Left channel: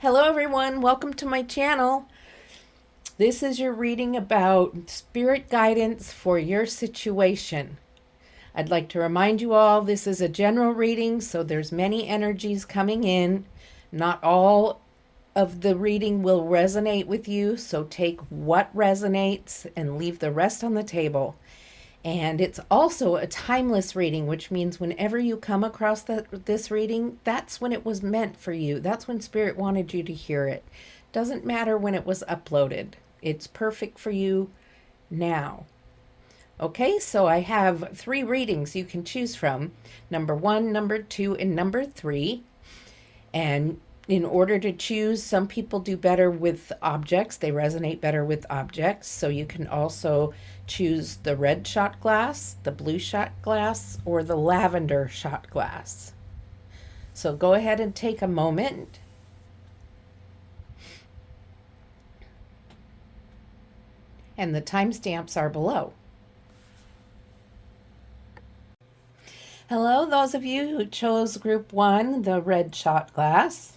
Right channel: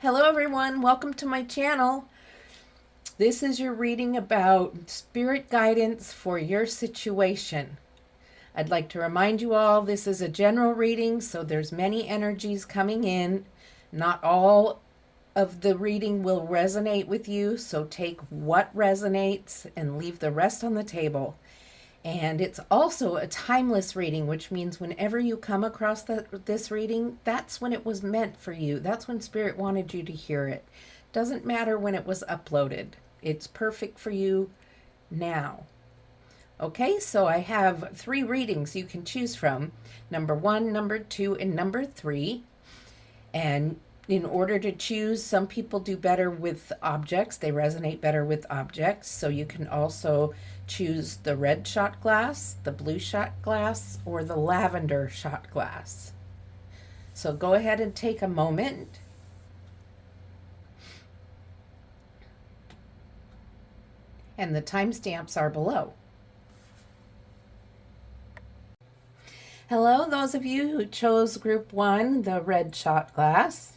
Hello everyone, welcome to my channel. This is your reading about spirit guidance for your situation. I'd like to remind you all this is a general reading, so there's many energies coming in. Not all of the reading will resonate with you, so take what resonates and leave the rest on the table. And it's also a timeless reading, which means whenever you come across this reading, that's when it was meant for you. That's when Spirit wanted you to hear it. Doesn't matter when it was uploaded. It's perfect for you now. Okay, so I have 3 readings you can choose from. Number 1, number 2, and number 3. And in order to choose, some people do better with objects. They resonate better with objects. So you can also choose the red shot glass, the blue shot glass, or the lavender shot glass. So go ahead and take a moment. And the timestamps are below. Hello, those of you who chose group 1, the red shot glass.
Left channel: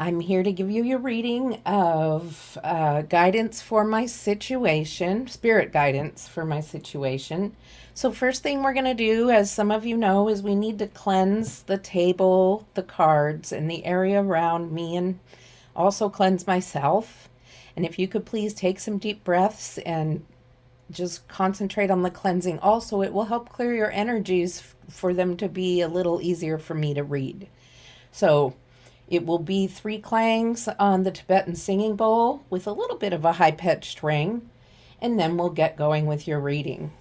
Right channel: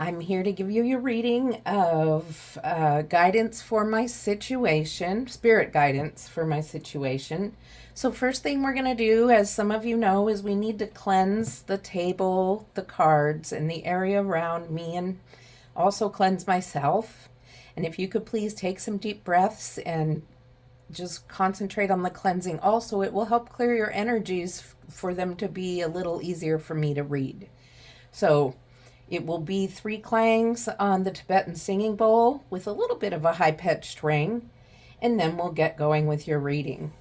I'm here to give you your reading of guidance for my situation, spirit guidance for my situation. So first thing we're going to do, as some of you know, is we need to cleanse the table, the cards, and the area around me, and also cleanse myself. And if you could please take some deep breaths and just concentrate on the cleansing. Also, it will help clear your energies for them to be a little easier for me to read. So it will be 3 clangs on the Tibetan singing bowl with a little bit of a high-pitched ring, and then we'll get going with your reading.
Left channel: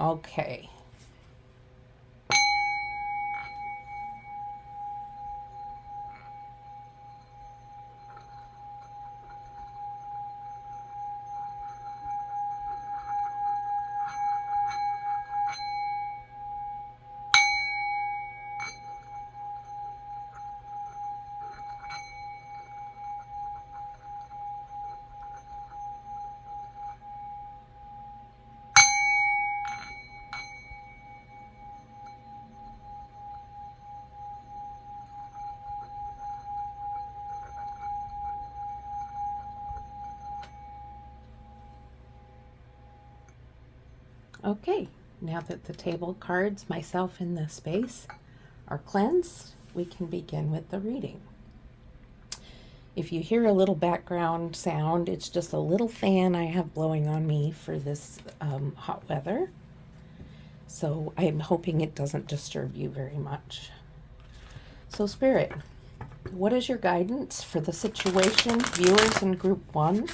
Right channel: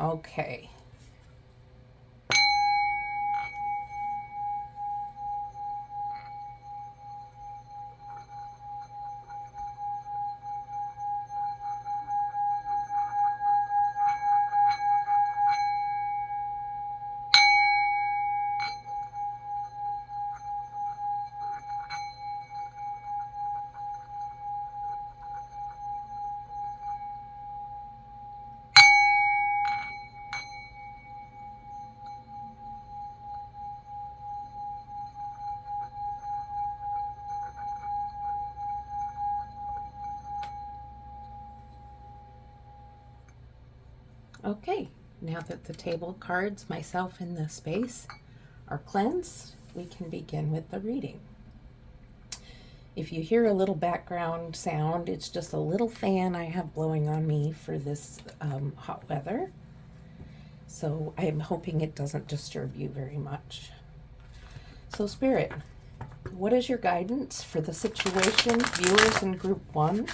Okay. Okay, now that the table cards, myself, and the space are cleansed, we can begin with the reading. If you hear a little background sound, it's just a little fan I have blowing on me for this hot weather. So I'm hoping it doesn't disturb you very much. So Spirit, what is your guidance for the situation viewers in group 1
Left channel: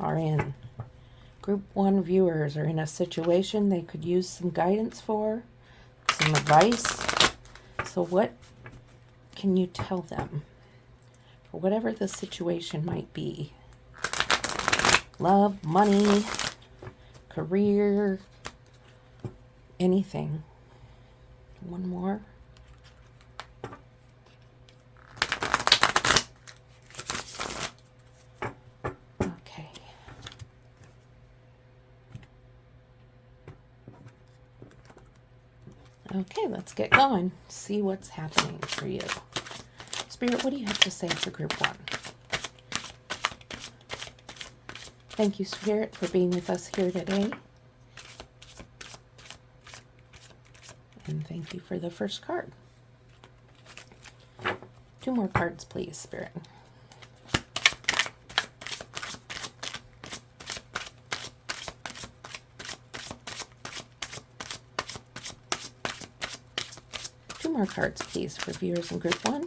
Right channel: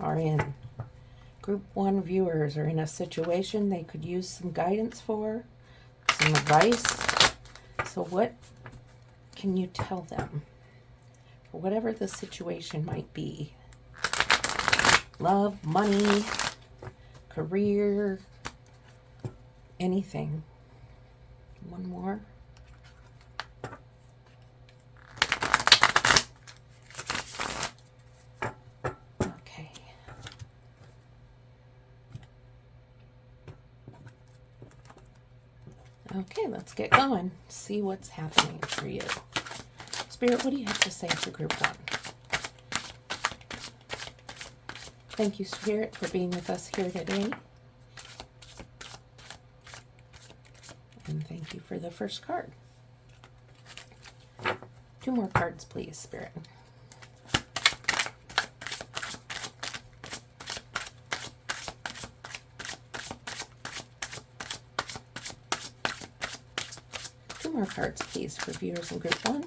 are in? Group 1 viewers are in a situation they could use some guidance for, some advice. So what can you tell them for whatever the situation might be? Love, money, career, anything. One more. Okay, let's get going. See what's happening for you. Spirit, what do you have to say for group 1? Thank you, Spirit, for being with us here today. And thank you for the first card. 2 more cards, please, Spirit. More cards, please, for viewers in group 1.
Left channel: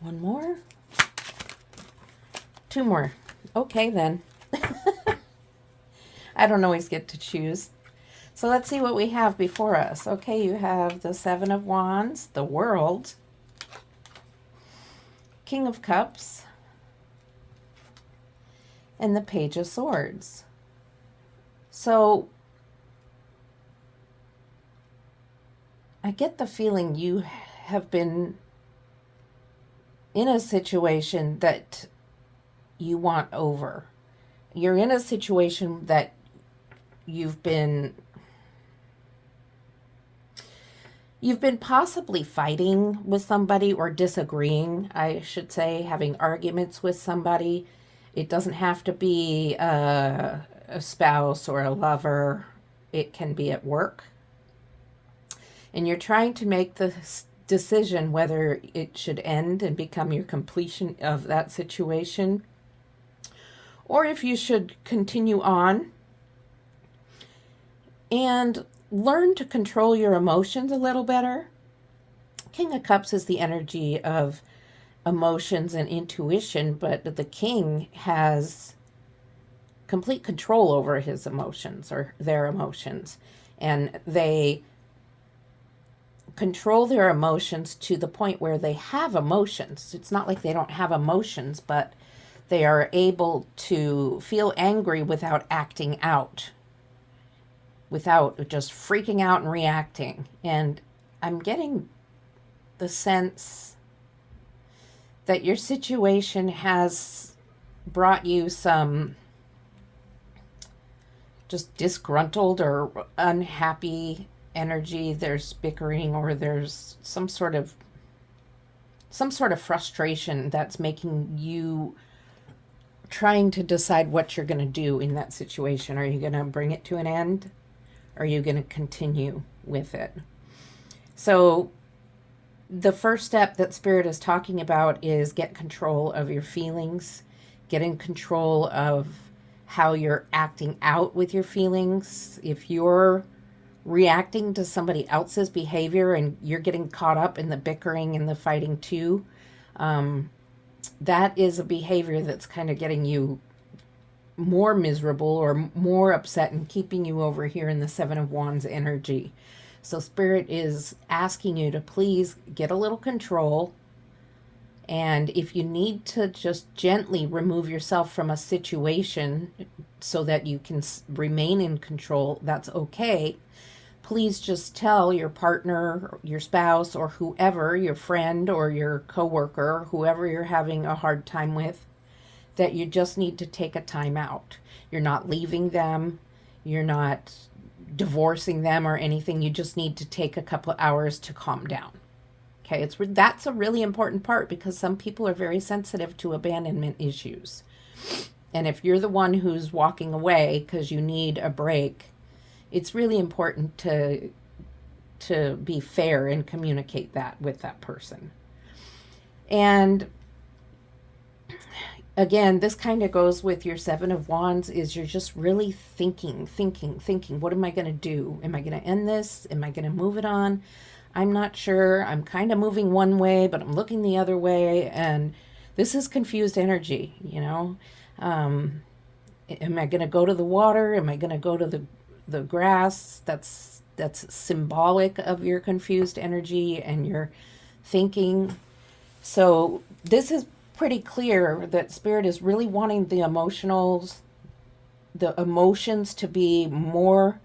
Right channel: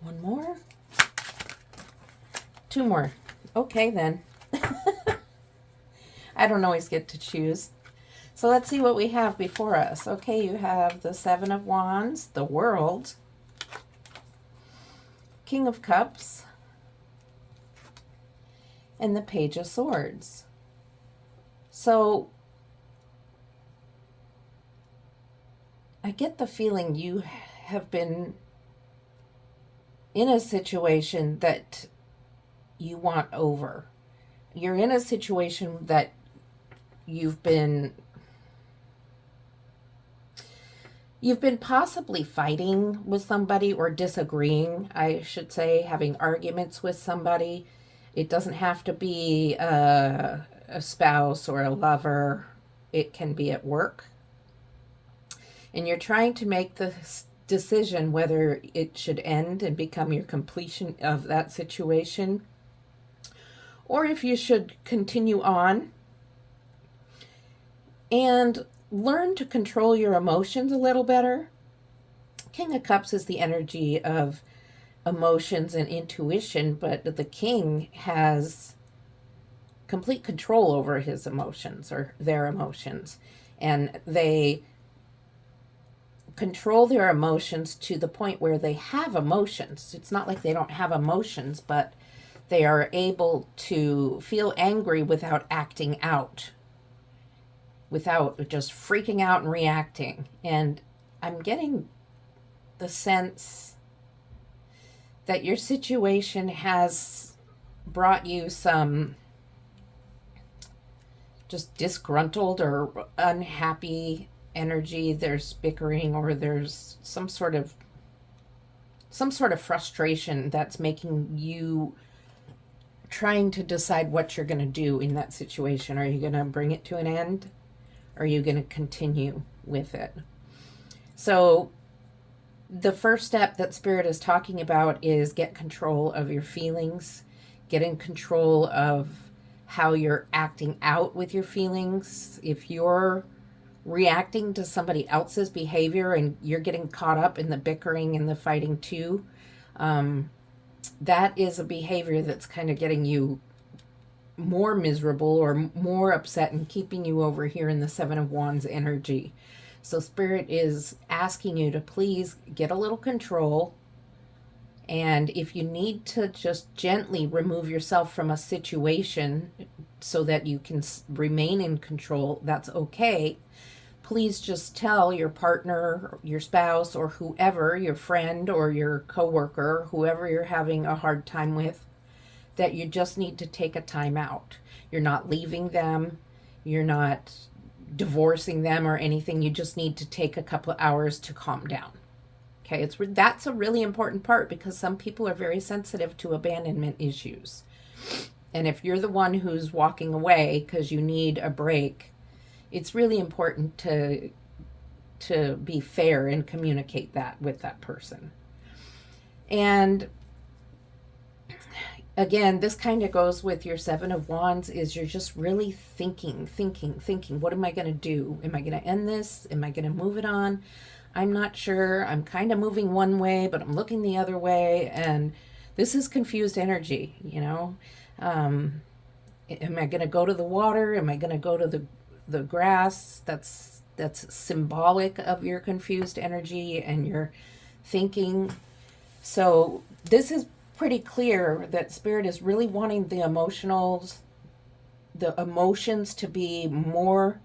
One more. 2 more. Okay, then. I don't always get to choose. So let's see what we have before us. Okay, you have the 7 of Wands, the World, King of Cups, and the Page of Swords. So I get the feeling you have been in a situation that you want over. You're in a situation that you've been You've been possibly fighting with somebody or disagreeing, I should say, having arguments with somebody. It doesn't have to be a spouse or a lover, it can be at work. And you're trying to make the decision whether it should end and become your completion of that situation, or if you should continue on and learn to control your emotions a little better. King of Cups is the energy of emotions and intuition, but the king has complete control over his emotions or their emotions. And they control their emotions to the point where they have emotions. It's not like they don't have emotions, but they are able to feel angry without acting out, without just freaking out and reacting. And I'm getting the sense that your situation has brought you some just disgruntled or unhappy energy. There's bickering, or there's some sort of frustration that's making you trying to decide what you're going to do in that situation. Are you going to bring it to an end? Or are you going to continue with it? So the first step that Spirit is talking about is get control of your feelings, get in control of how you're acting out with your feelings. If you're reacting to somebody else's behavior and you're getting caught up in the bickering and the fighting too, that is a behavior that's kind of getting you more miserable or more upset and keeping you over here in the Seven of Wands energy. So Spirit is asking you to please get a little control. And if you need to just gently remove yourself from a situation so that you can remain in control, that's okay. Please just tell your partner, your spouse, or whoever, your friend or your coworker, whoever you're having a hard time with, that you just need to take a time out. You're not leaving them. You're not divorcing them or anything. You just need to take a couple of hours to calm down. Okay, that's a really important part, because some people are very sensitive to abandonment issues. And if you're the one who's walking away because you need a break, it's really important to be fair and communicate that with that person. And again, this kind of goes with your Seven of Wands, is you're just really thinking, what am I going to do? Am I going to end this? Am I going to move it on? I'm not sure. I'm kind of moving one way, but I'm looking the other way. And this is confused energy, you know. Am I going to go to the water? Am I going to go to the grass? That's symbolic of your confused energy and your thinking. So this is pretty clear that Spirit is really wanting the emotions to be more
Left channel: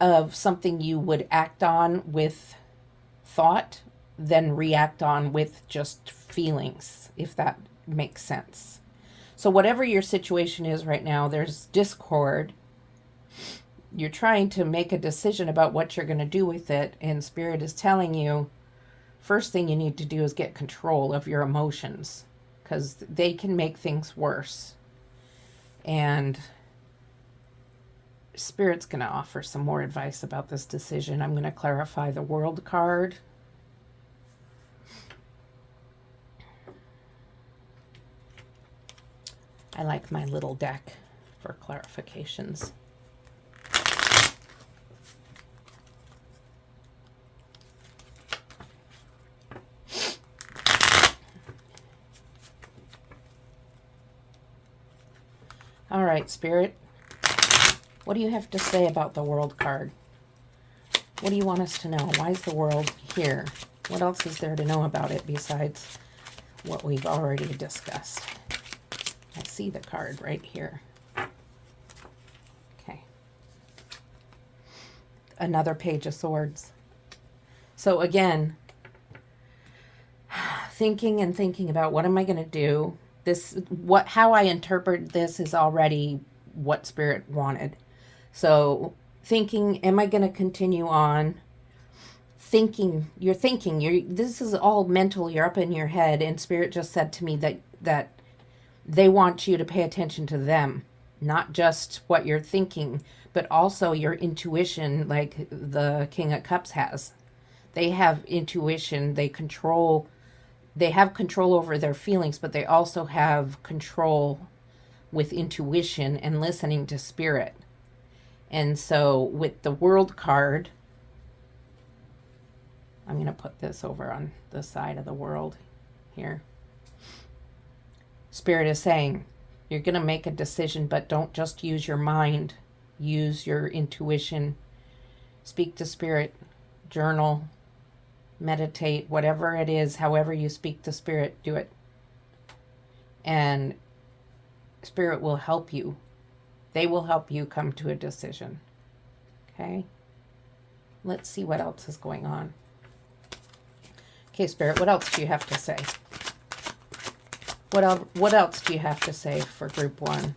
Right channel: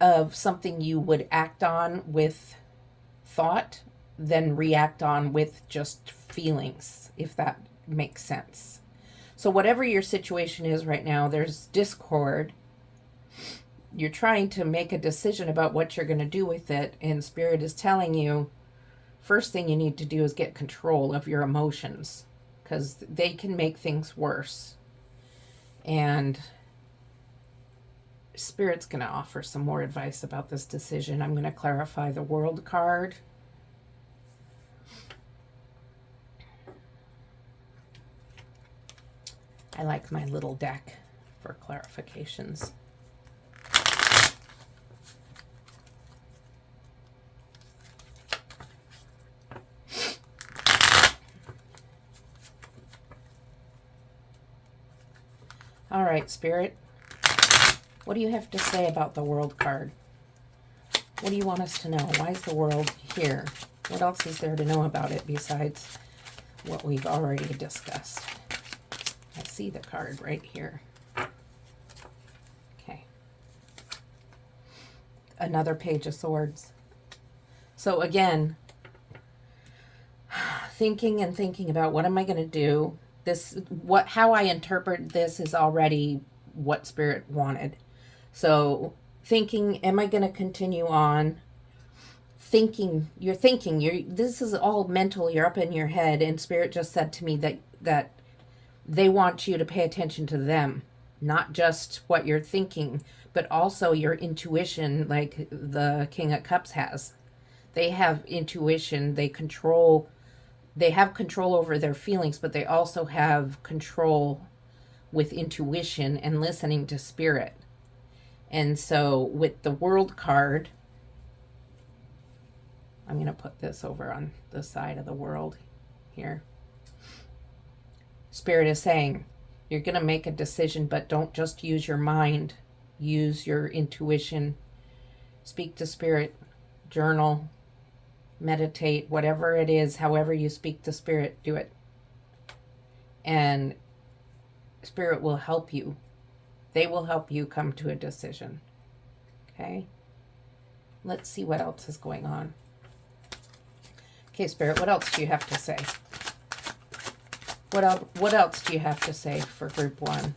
of something you would act on with thought than react on with just feelings, if that makes sense. So whatever your situation is right now, there's discord. You're trying to make a decision about what you're going to do with it, and Spirit is telling you, first thing you need to do is get control of your emotions, because they can make things worse. And Spirit's going to offer some more advice about this decision. I'm going to clarify the World card. I like my little deck for clarifications. All right, Spirit. What do you have to say about the World card? What do you want us to know? Why is the World here? What else is there to know about it besides what we've already discussed? I see the card right here. Okay. Another Page of Swords. So again, thinking about what am I going to do? How I interpret this is already what Spirit wanted. So thinking, am I going to continue on thinking, this is all mental, you're up in your head, and Spirit just said to me that they want you to pay attention to them, not just what you're thinking, but also your intuition, like the King of Cups has. They have intuition, they have control over their feelings, but they also have control with intuition and listening to Spirit. And so with the World card, I'm going to put this over on the side of the World here. Spirit is saying, you're going to make a decision, but don't just use your mind. Use your intuition. Speak to Spirit. Journal. Meditate. Whatever it is, however you speak to Spirit, do it. And Spirit will help you. They will help you come to a decision. Okay? Let's see what else is going on. Okay, Spirit, what else do you have to say? What else do you have to say for group 1?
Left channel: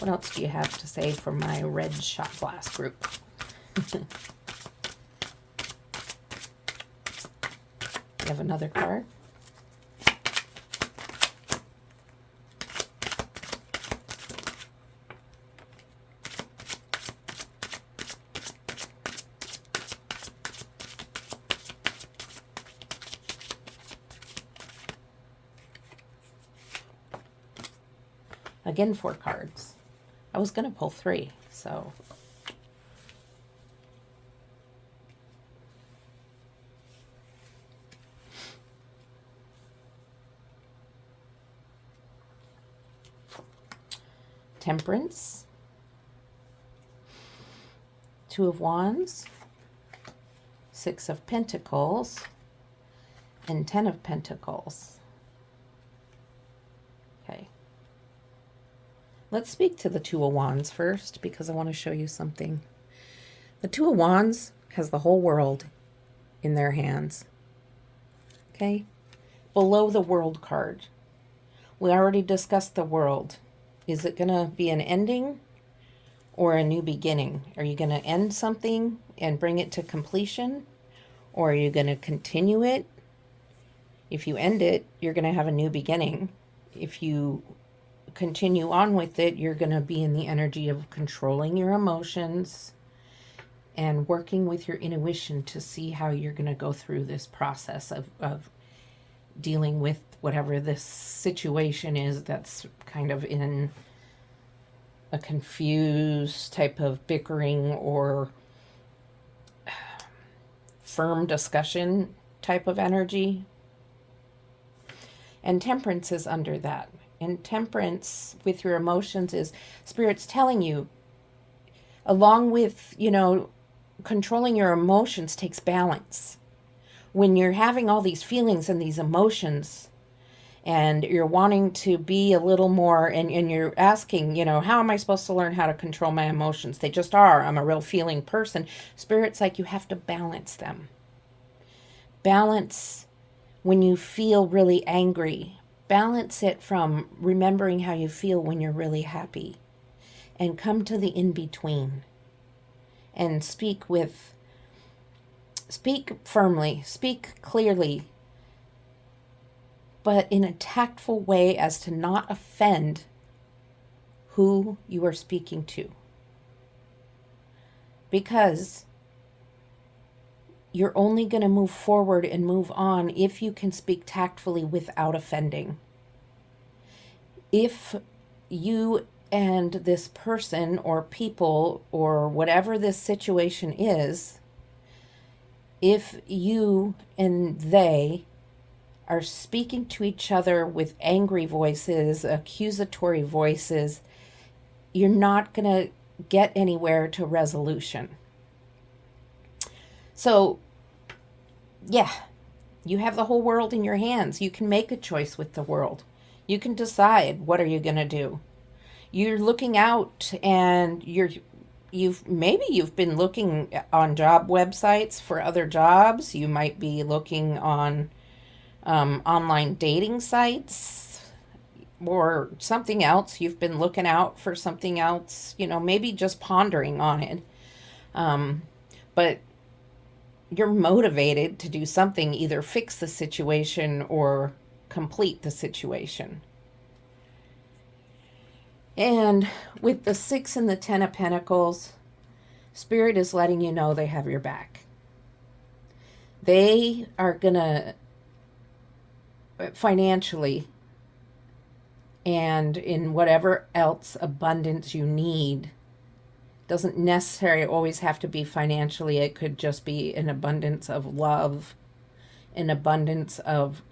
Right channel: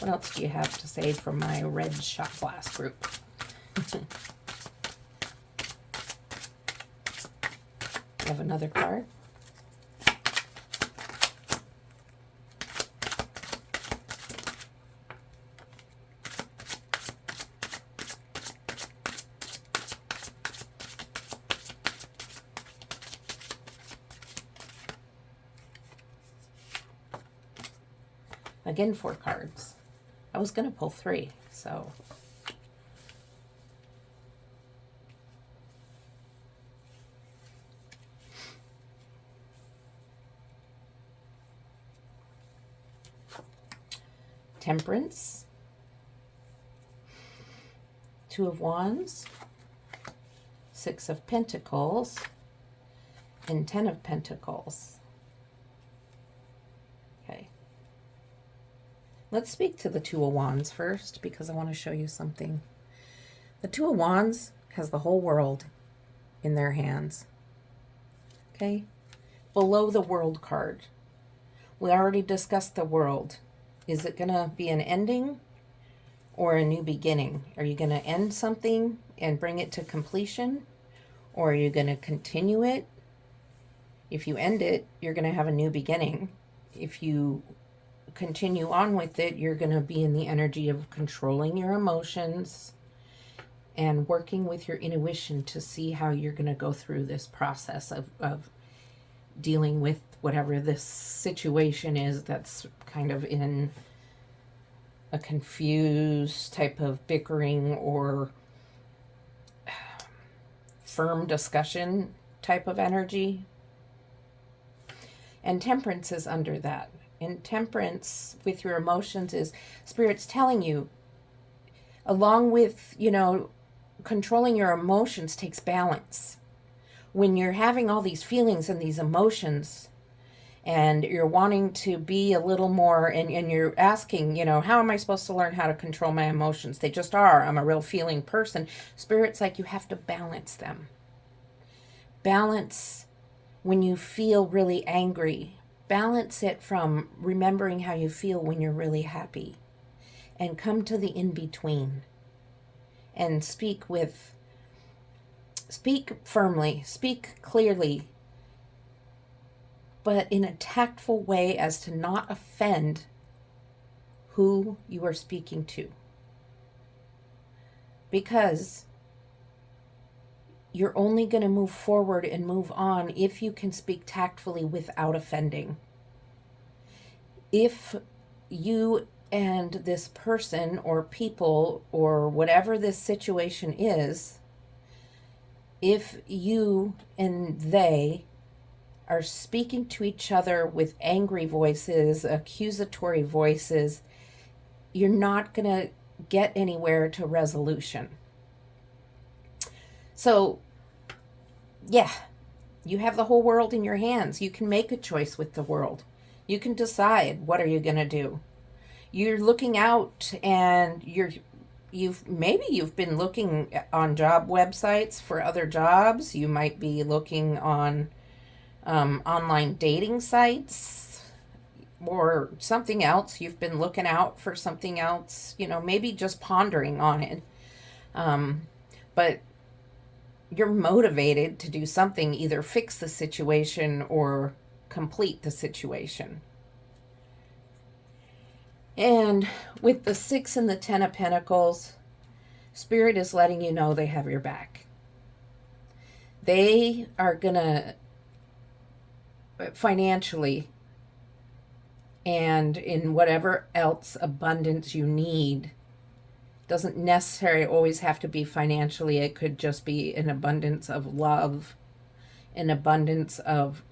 What else do you have to say for my red shot glass group? You have another card? Again, 4 cards. I was going to pull 3, so. Temperance. 2 of Wands. 6 of Pentacles. And 10 of Pentacles. Okay. Let's speak to the 2 of Wands first, because I want to show you something. The 2 of Wands has the whole world in their hands. Okay? Below the World card, we already discussed the World. Is it going to be an ending or a new beginning? Are you going to end something and bring it to completion? Or are you going to continue it? If you end it, you're going to have a new beginning. If you continue on with it, you're going to be in the energy of controlling your emotions and working with your intuition to see how you're going to go through this process of dealing with whatever this situation is that's kind of in a confused type of bickering or firm discussion type of energy. And temperance is under that. And temperance with your emotions is Spirit's telling you, along with, controlling your emotions takes balance. When you're having all these feelings and these emotions and you're wanting to be a little more, and you're asking, how am I supposed to learn how to control my emotions? They just are. I'm a real feeling person. Spirit's like, you have to balance them. Balance when you feel really angry. Balance it from remembering how you feel when you're really happy. And come to the in-between. And speak firmly, speak clearly, but in a tactful way as to not offend who you are speaking to. Because you're only going to move forward and move on if you can speak tactfully without offending. If you and this person or people or whatever this situation is, if you and they are speaking to each other with angry voices, accusatory voices, you're not going to get anywhere to resolution. So, yeah, you have the whole world in your hands. You can make a choice with the world. You can decide, what are you going to do? You're looking out and you've been looking on job websites for other jobs. You might be looking on online dating sites or something else. You've been looking out for something else, maybe just pondering on it. But you're motivated to do something, either fix the situation or complete the situation. And with the 6 and the 10 of Pentacles, Spirit is letting you know they have your back. They are going to financially and in whatever else abundance you need. Doesn't necessarily always have to be financially. It could just be an abundance of love, an abundance of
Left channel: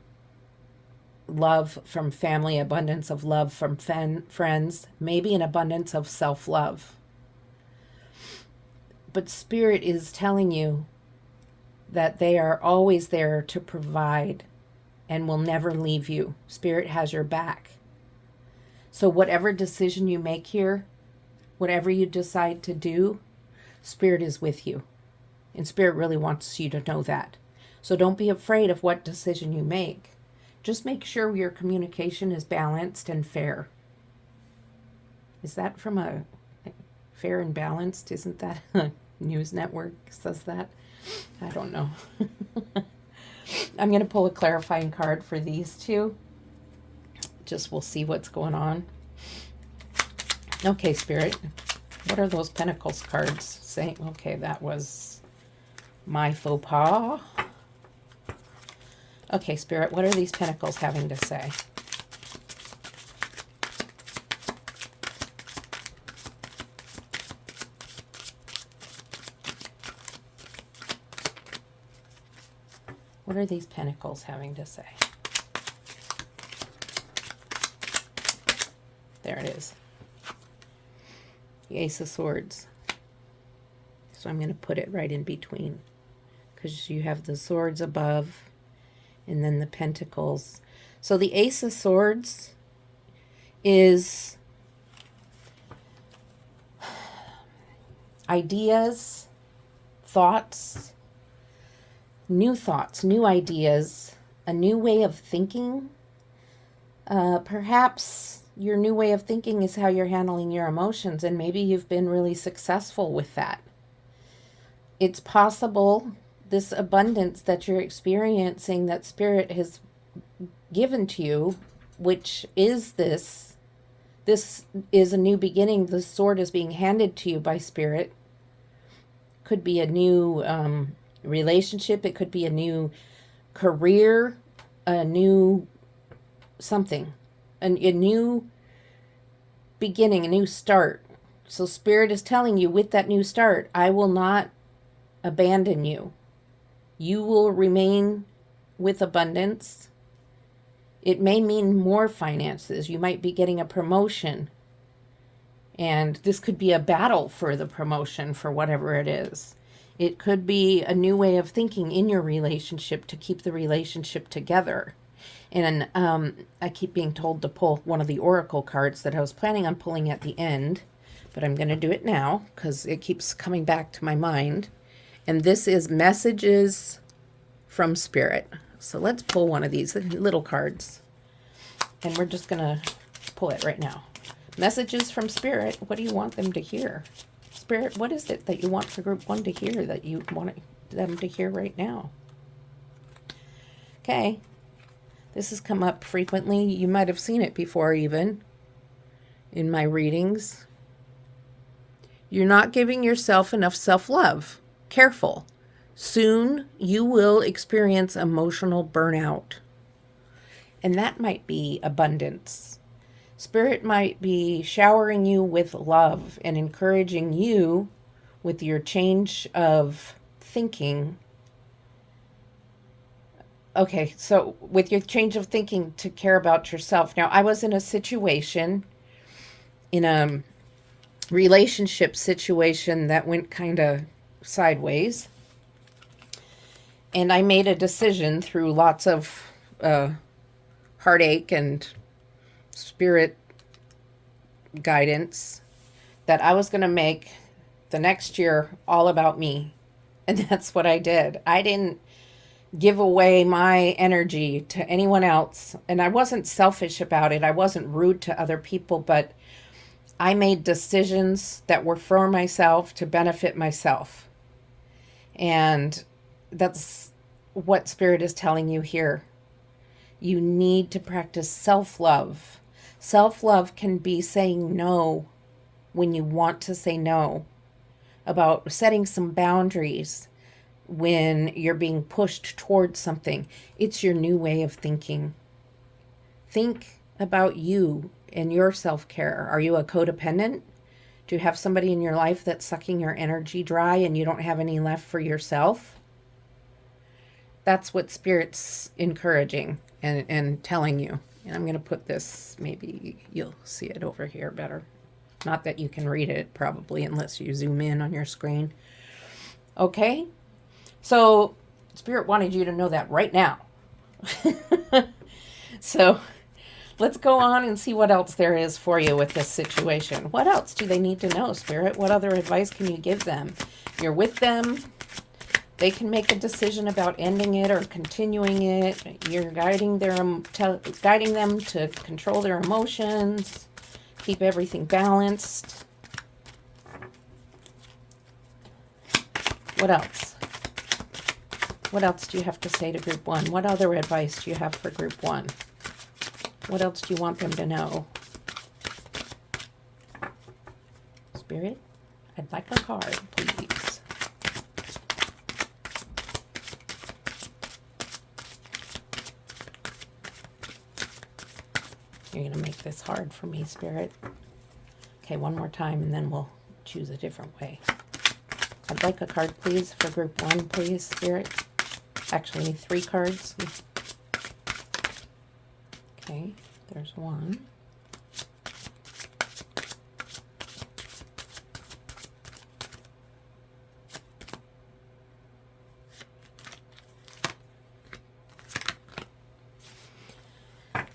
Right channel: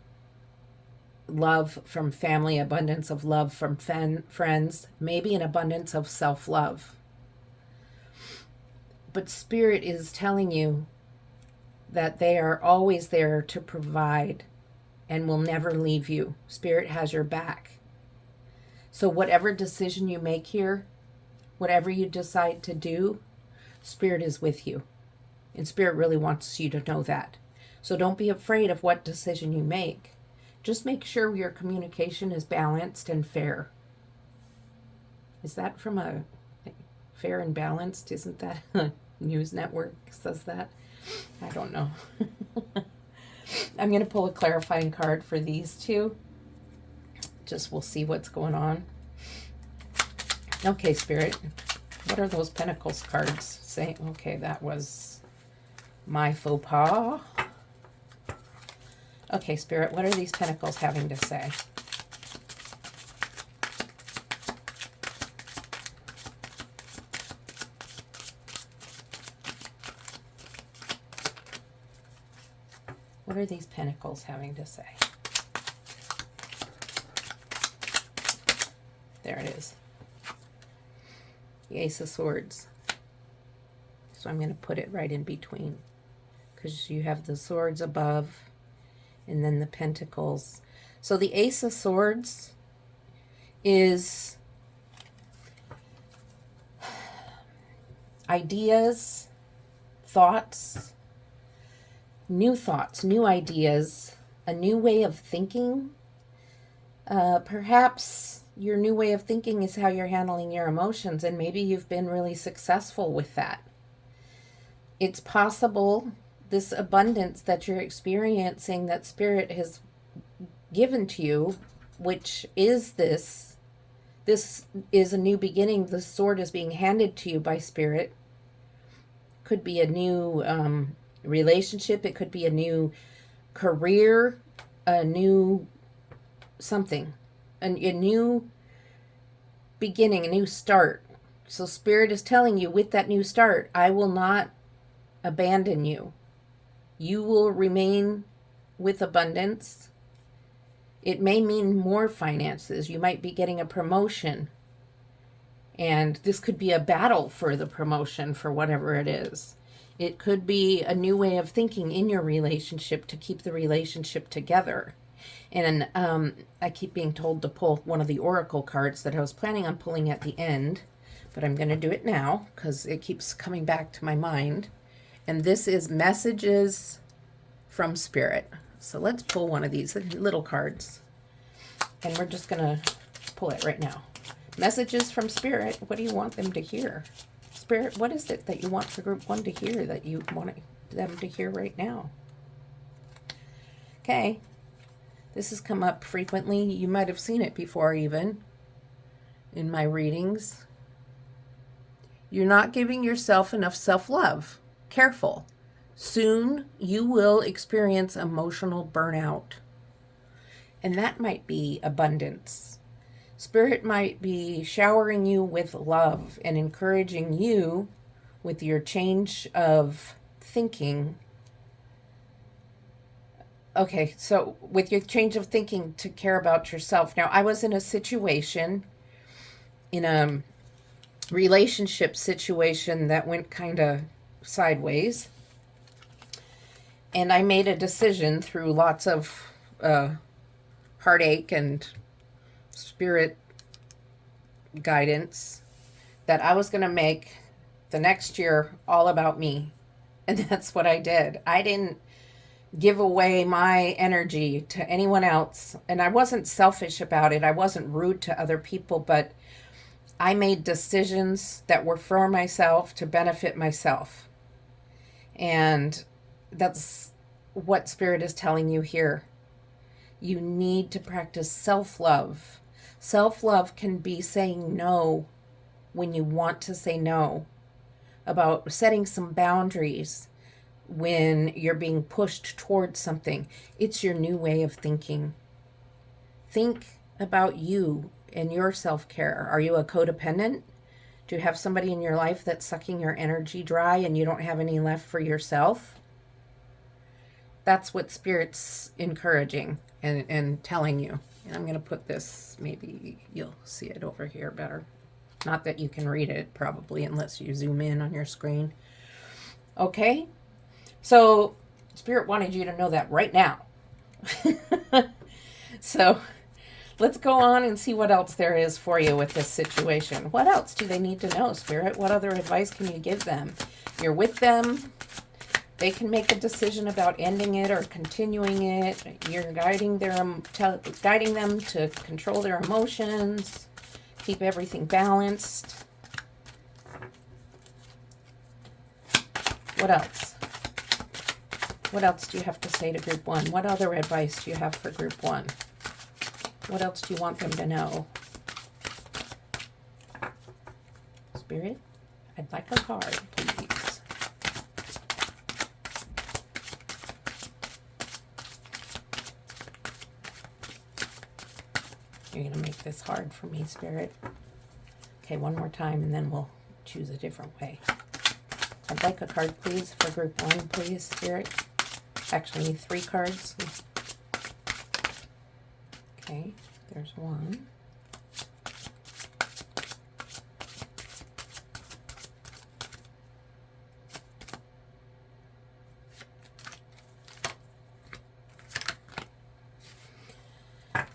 love from family, abundance of love from friends, maybe an abundance of self-love. But Spirit is telling you that they are always there to provide and will never leave you. Spirit has your back. So whatever decision you make here, whatever you decide to do, Spirit is with you. And Spirit really wants you to know that. So don't be afraid of what decision you make. Just make sure your communication is balanced and fair. Is that from a Fair and Balanced? Isn't that a news network says that? I don't know. I'm going to pull a clarifying card for these two. Just we'll see what's going on. Okay, Spirit. What are those Pentacles cards saying? Okay, that was my faux pas. Okay, Spirit, what are these Pentacles having to say? What are these Pentacles having to say? There it is. The Ace of Swords. So I'm going to put it right in between, because you have the swords above and then the pentacles. So the Ace of Swords is ideas, thoughts, new ideas, a new way of thinking. Perhaps your new way of thinking is how you're handling your emotions, and maybe you've been really successful with that. It's possible this abundance that you're experiencing, that Spirit has given to you, which is this is a new beginning. The sword is being handed to you by Spirit. Could be a new relationship. It could be a new career, a new something, a new beginning, a new start. So Spirit is telling you, with that new start, I will not abandon you. You will remain with abundance. It may mean more finances. You might be getting a promotion. And this could be a battle for the promotion, for whatever it is. It could be a new way of thinking in your relationship to keep the relationship together. And I keep being told to pull one of the oracle cards that I was planning on pulling at the end, but I'm going to do it now because it keeps coming back to my mind. And this is Messages from Spirit. So let's pull one of these little cards. And we're just going to pull it right now. Messages from Spirit. What do you want them to hear? Spirit, what is it that you want for group 1 to hear, that you want them to hear right now? Okay. This has come up frequently. You might have seen it before, even in my readings. You're not giving yourself enough self-love. Careful. Soon you will experience emotional burnout. And that might be abundance. Spirit might be showering you with love and encouraging you with your change of thinking. Okay, so with your change of thinking to care about yourself. Now, I was in a situation, in a relationship situation that went kind of sideways. And I made a decision through lots of heartache and Spirit guidance that I was going to make the next year all about me. And that's what I did. I didn't give away my energy to anyone else. And I wasn't selfish about it. I wasn't rude to other people, but I made decisions that were for myself, to benefit myself. And that's what Spirit is telling you here. You need to practice self-love. Self-love can be saying no when you want to say no, about setting some boundaries when you're being pushed towards something. It's your new way of thinking. Think about you and your self-care. Are you a codependent? Do you have somebody in your life that's sucking your energy dry and you don't have any left for yourself? That's what Spirit's encouraging and telling you. And I'm going to put this, maybe you'll see it over here better. Not that you can read it probably unless you zoom in on your screen. Okay? So Spirit wanted you to know that right now. So let's go on and see what else there is for you with this situation. What else do they need to know, Spirit? What other advice can you give them? You're with them. They can make a decision about ending it or continuing it. You're guiding them to control their emotions, keep everything balanced. What else? What else do you have to say to group one? What other advice do you have for group one? What else do you want them to know? Spirit, I'd like a card, please. You're going to make this hard for me, Spirit. Okay, one more time, and then we'll choose a different way. I'd like a card, please, for group one, please, Spirit. Actually, 3 cards. Okay, there's one.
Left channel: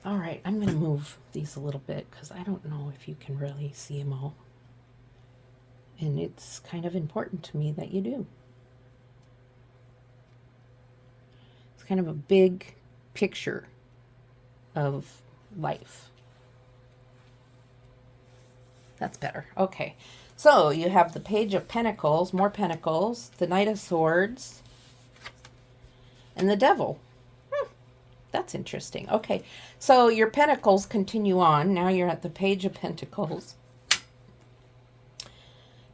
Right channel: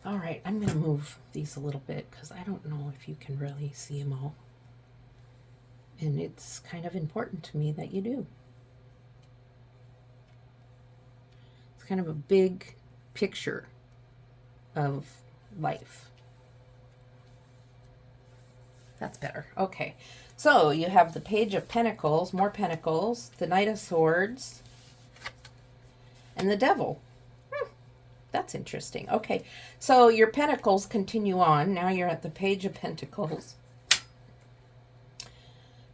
All right, I'm going to move these a little bit because I don't know if you can really see them all. And it's kind of important to me that you do. It's kind of a big picture of life. That's better. Okay. So you have the Page of Pentacles, more Pentacles, the Knight of Swords, and the Devil. That's interesting. Okay. So your Pentacles continue on. Now you're at the Page of Pentacles.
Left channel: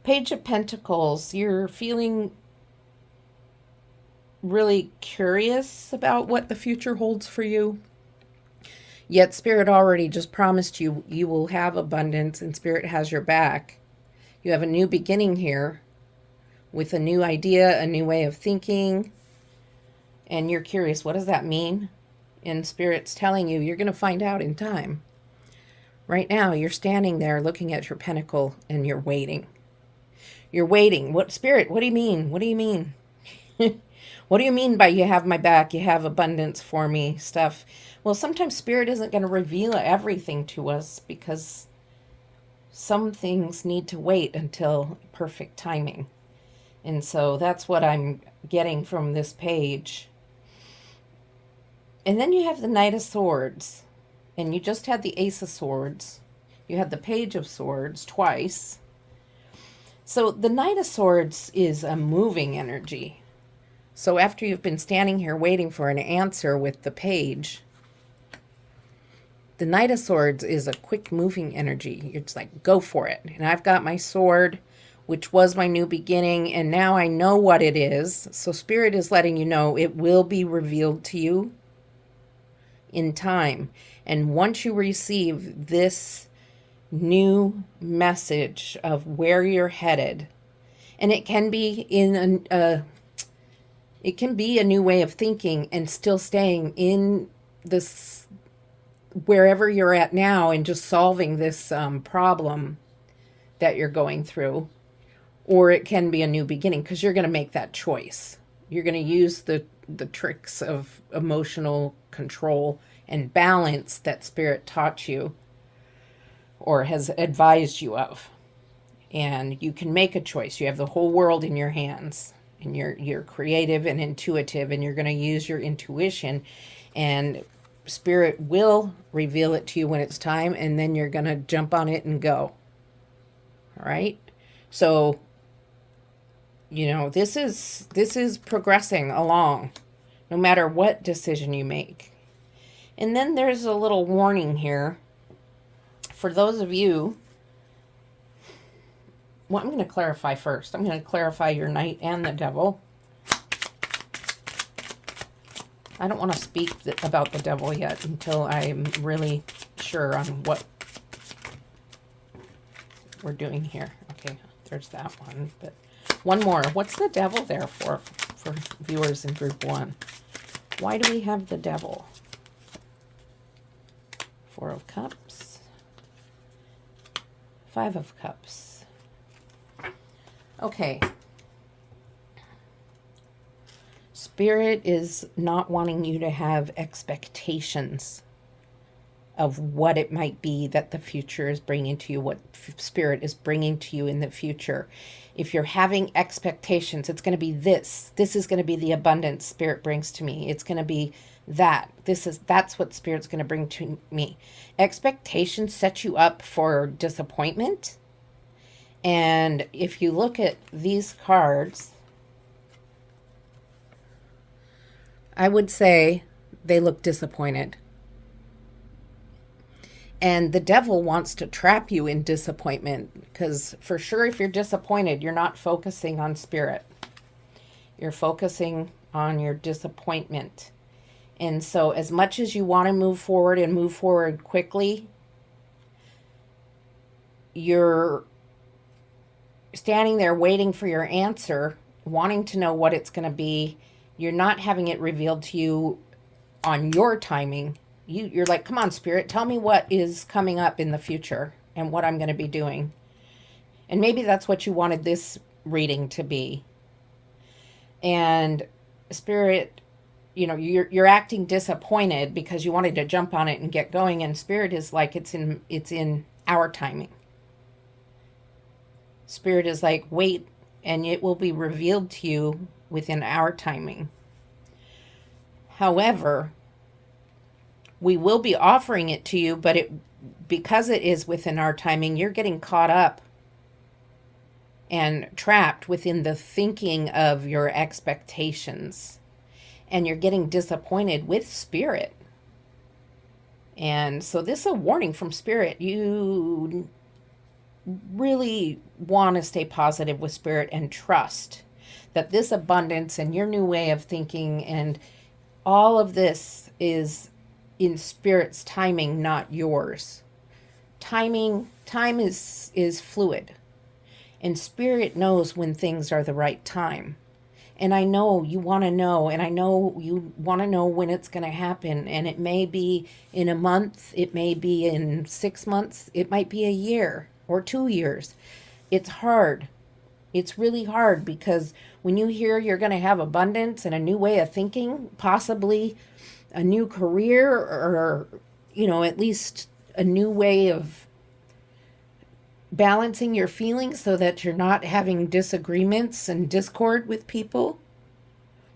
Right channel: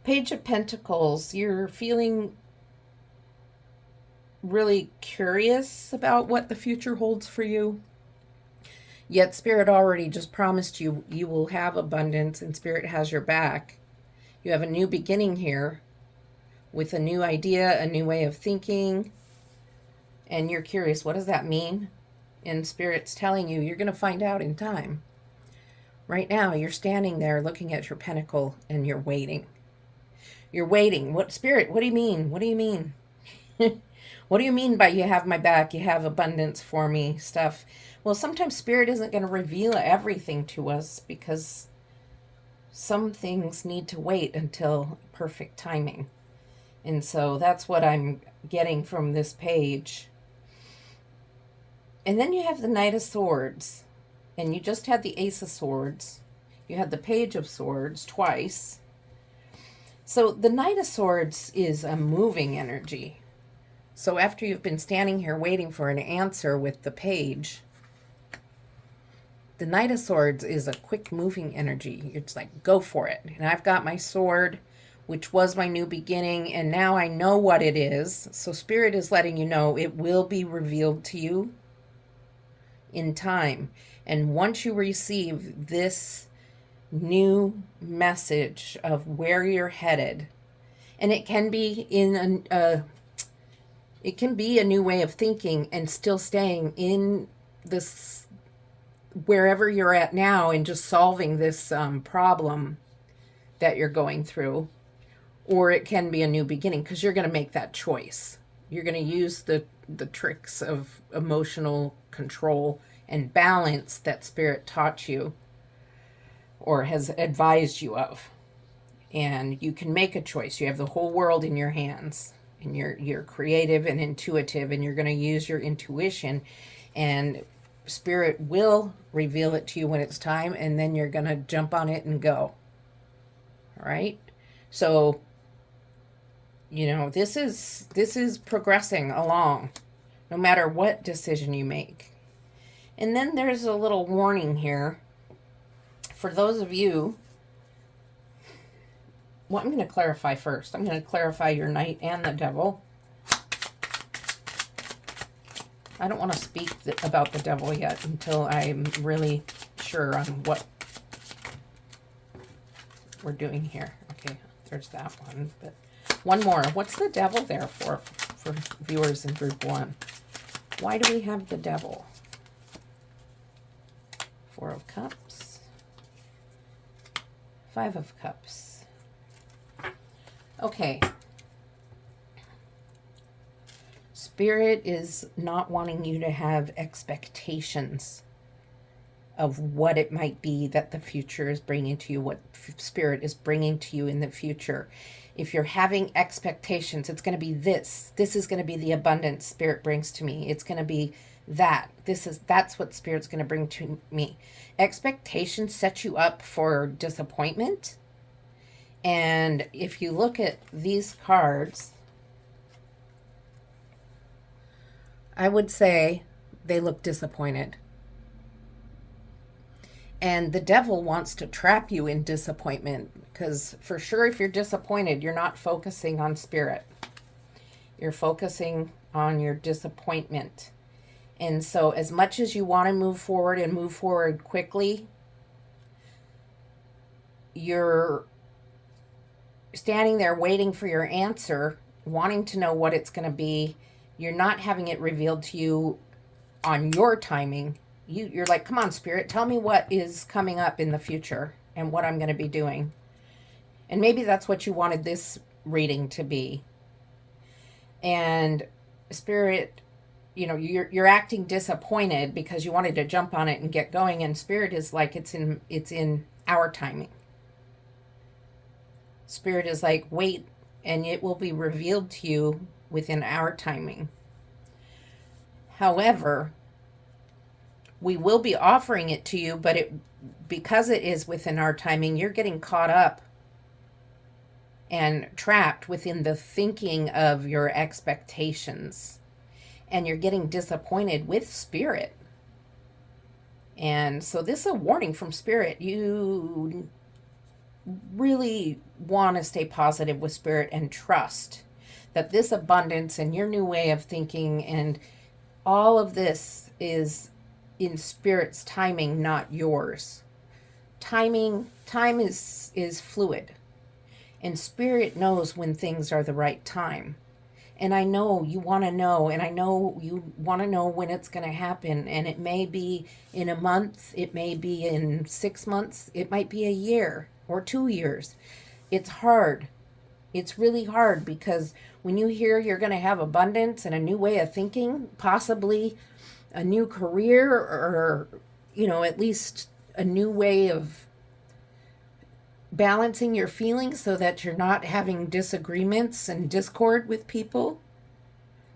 Page of Pentacles, you're feeling really curious about what the future holds for you. Yet Spirit already just promised you you will have abundance, and Spirit has your back. You have a new beginning here with a new idea, a new way of thinking, and you're curious, what does that mean? And Spirit's telling you you're going to find out in time. Right now, you're standing there looking at your pentacle and you're waiting. You're waiting. What, Spirit, what do you mean? What do you mean? What do you mean by you have my back, you have abundance for me stuff? Well, sometimes Spirit isn't going to reveal everything to us because some things need to wait until perfect timing. And so that's what I'm getting from this page. And then you have the Knight of Swords. And you just had the Ace of Swords. You had the Page of Swords twice. So the Knight of Swords is a moving energy. So after you've been standing here waiting for an answer with the page, the Knight of Swords is a quick moving energy. It's like, go for it. And I've got my sword, which was my new beginning, and now I know what it is. So Spirit is letting you know it will be revealed to you in time. And once you receive this new message of where you're headed, and it can be in it can be a new way of thinking and still staying in this wherever you're at now and just solving this problem that you're going through, or it can be a new beginning because you're going to make that choice. You're going to use the tricks of emotional control and balance that Spirit taught you or has advised you of. And you can make a choice. You have the whole world in your hands, and you're creative and intuitive, and you're going to use your intuition, and Spirit will reveal it to you when it's time, and then you're going to jump on it and go. All right? So You know, this is progressing along, no matter what decision you make. And then there's a little warning here for those of you. Well, I'm going to clarify first. I'm going to clarify your Knight and the Devil. I don't want to speak about the Devil yet until I'm really sure on what we're doing here. Okay, there's that one. But one more. What's the Devil there for viewers in group 1? Why do we have the Devil? 4 of Cups. 5 of Cups. Okay. Spirit is not wanting you to have expectations of what it might be that the future is bringing to you, what Spirit is bringing to you in the future. If you're having expectations, it's going to be this. This is going to be the abundance Spirit brings to me. It's going to be that. That's what Spirit's going to bring to me. Expectations set you up for disappointment. And if you look at these cards, I would say they look disappointed. And the Devil wants to trap you in disappointment, because for sure if you're disappointed, you're not focusing on Spirit. You're focusing on your disappointment. And so as much as you want to move forward and move forward quickly, you're standing there waiting for your answer, wanting to know what it's going to be. You're not having it revealed to you on your timing. You're like, come on, Spirit, tell me what is coming up in the future and what I'm going to be doing. And maybe that's what you wanted this reading to be. And Spirit, you know, you're acting disappointed because you wanted to jump on it and get going. And Spirit is like, it's in our timing. Spirit is like, wait, and it will be revealed to you within our timing. However, we will be offering it to you, but because it is within our timing, you're getting caught up and trapped within the thinking of your expectations. And you're getting disappointed with Spirit. And so this is a warning from Spirit. You really want to stay positive with Spirit and trust that this abundance and your new way of thinking and all of this is in Spirit's timing, not yours. Time is fluid, and Spirit knows when things are the right time. And I know you want to know, and I know you want to know when it's going to happen. And it may be in a month, it may be in 6 months, it might be a year or 2 years. It's hard. It's really hard, because when you hear you're going to have abundance and a new way of thinking, possibly a new career, or, you know, at least a new way of balancing your feelings so that you're not having disagreements and discord with people,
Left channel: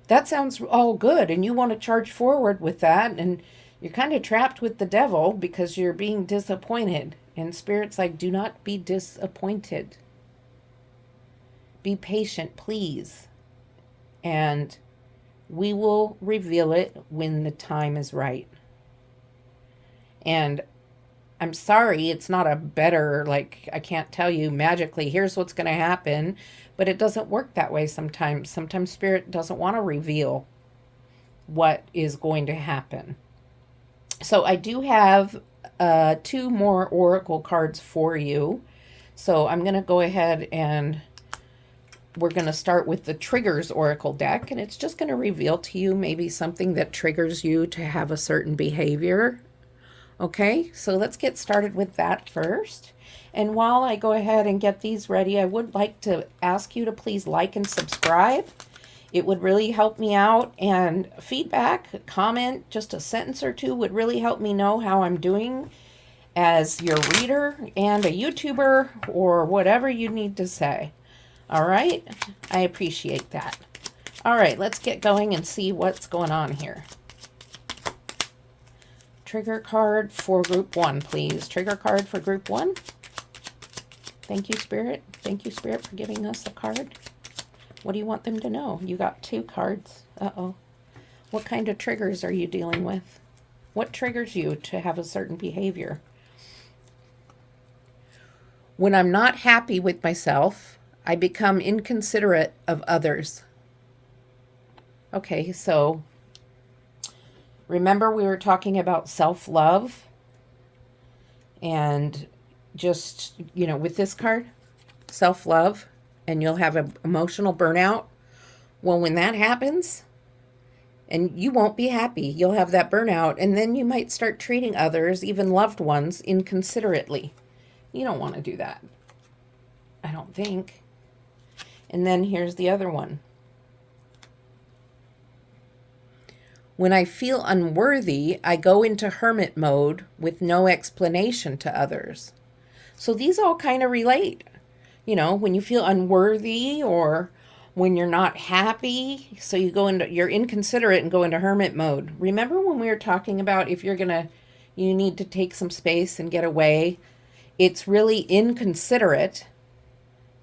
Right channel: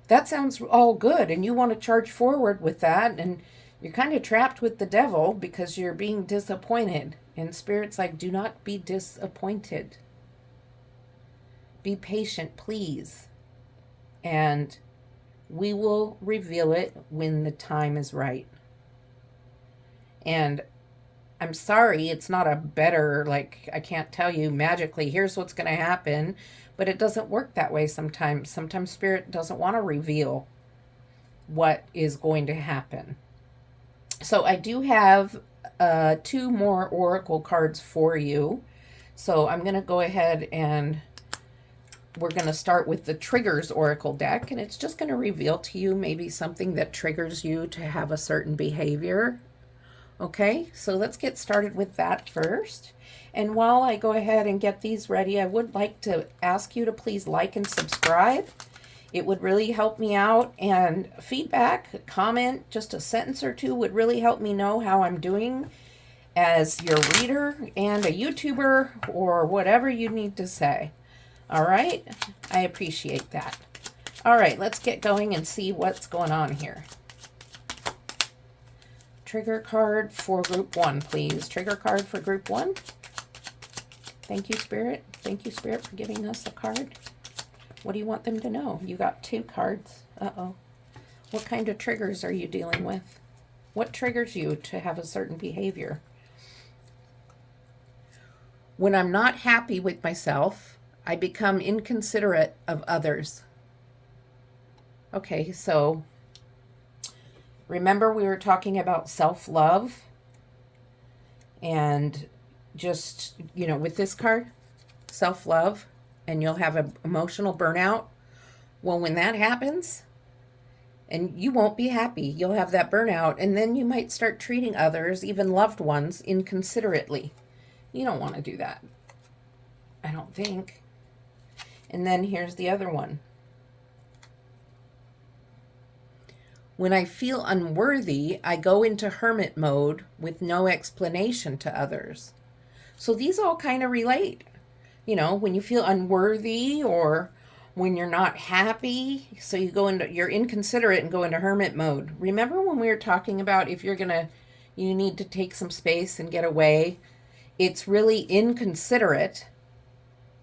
that sounds all good, and you want to charge forward with that, and you're kind of trapped with the Devil because you're being disappointed. And Spirit's like, do not be disappointed. Be patient, please. And we will reveal it when the time is right. And I'm sorry, it's not a better, like, I can't tell you magically, here's what's going to happen. But it doesn't work that way sometimes. Sometimes Spirit doesn't want to reveal what is going to happen. So I do have 2 more oracle cards for you. So I'm going to go ahead and we're going to start with the Triggers Oracle deck. And it's just going to reveal to you maybe something that triggers you to have a certain behavior. Okay, so let's get started with that first. And while I go ahead and get these ready, I would like to ask you to please like and subscribe. It would really help me out, and feedback, comment, just a sentence or 2 would really help me know how I'm doing as your reader and a YouTuber or whatever you need to say. All right, I appreciate that. All right, let's get going and see what's going on here. Trigger card for group 1, please. Trigger card for group 1. Thank you, Spirit. Thank you, Spirit, for giving us a card. What do you want them to know? You got 2 cards. Uh-oh. What kind of triggers are you dealing with? What triggers you to have a certain behavior? When I'm not happy with myself, I become inconsiderate of others. Okay, so remember we were talking about self-love and just, with this card, self-love, and you'll have an emotional burnout. Well, when that happens, and you won't be happy, you'll have that burnout, and then you might start treating others, even loved ones, inconsiderately. You don't want to do that, I don't think. And then here's the other one. When I feel unworthy, I go into hermit mode with no explanation to others. So these all kind of relate. When you feel unworthy or when you're not happy, so you're inconsiderate and go into hermit mode. Remember when we were talking about if you need to take some space and get away, it's really inconsiderate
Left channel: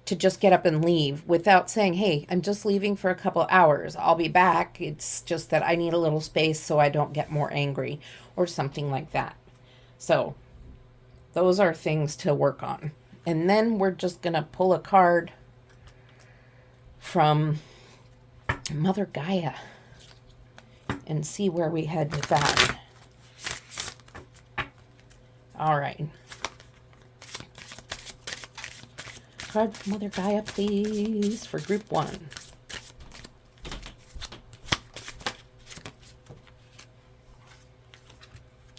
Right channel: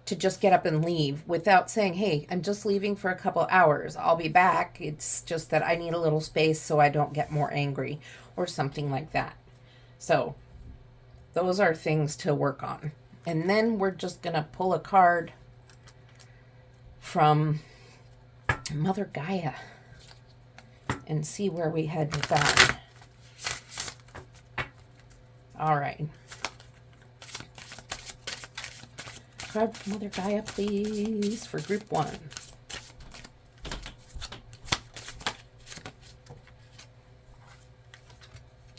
to just get up and leave without saying, hey, I'm just leaving for a couple hours. I'll be back. It's just that I need a little space so I don't get more angry or something like that. So those are things to work on. And then we're just going to pull a card from Mother Gaia and see where we head with that. All right. Card from Mother Gaia, please, for group 1.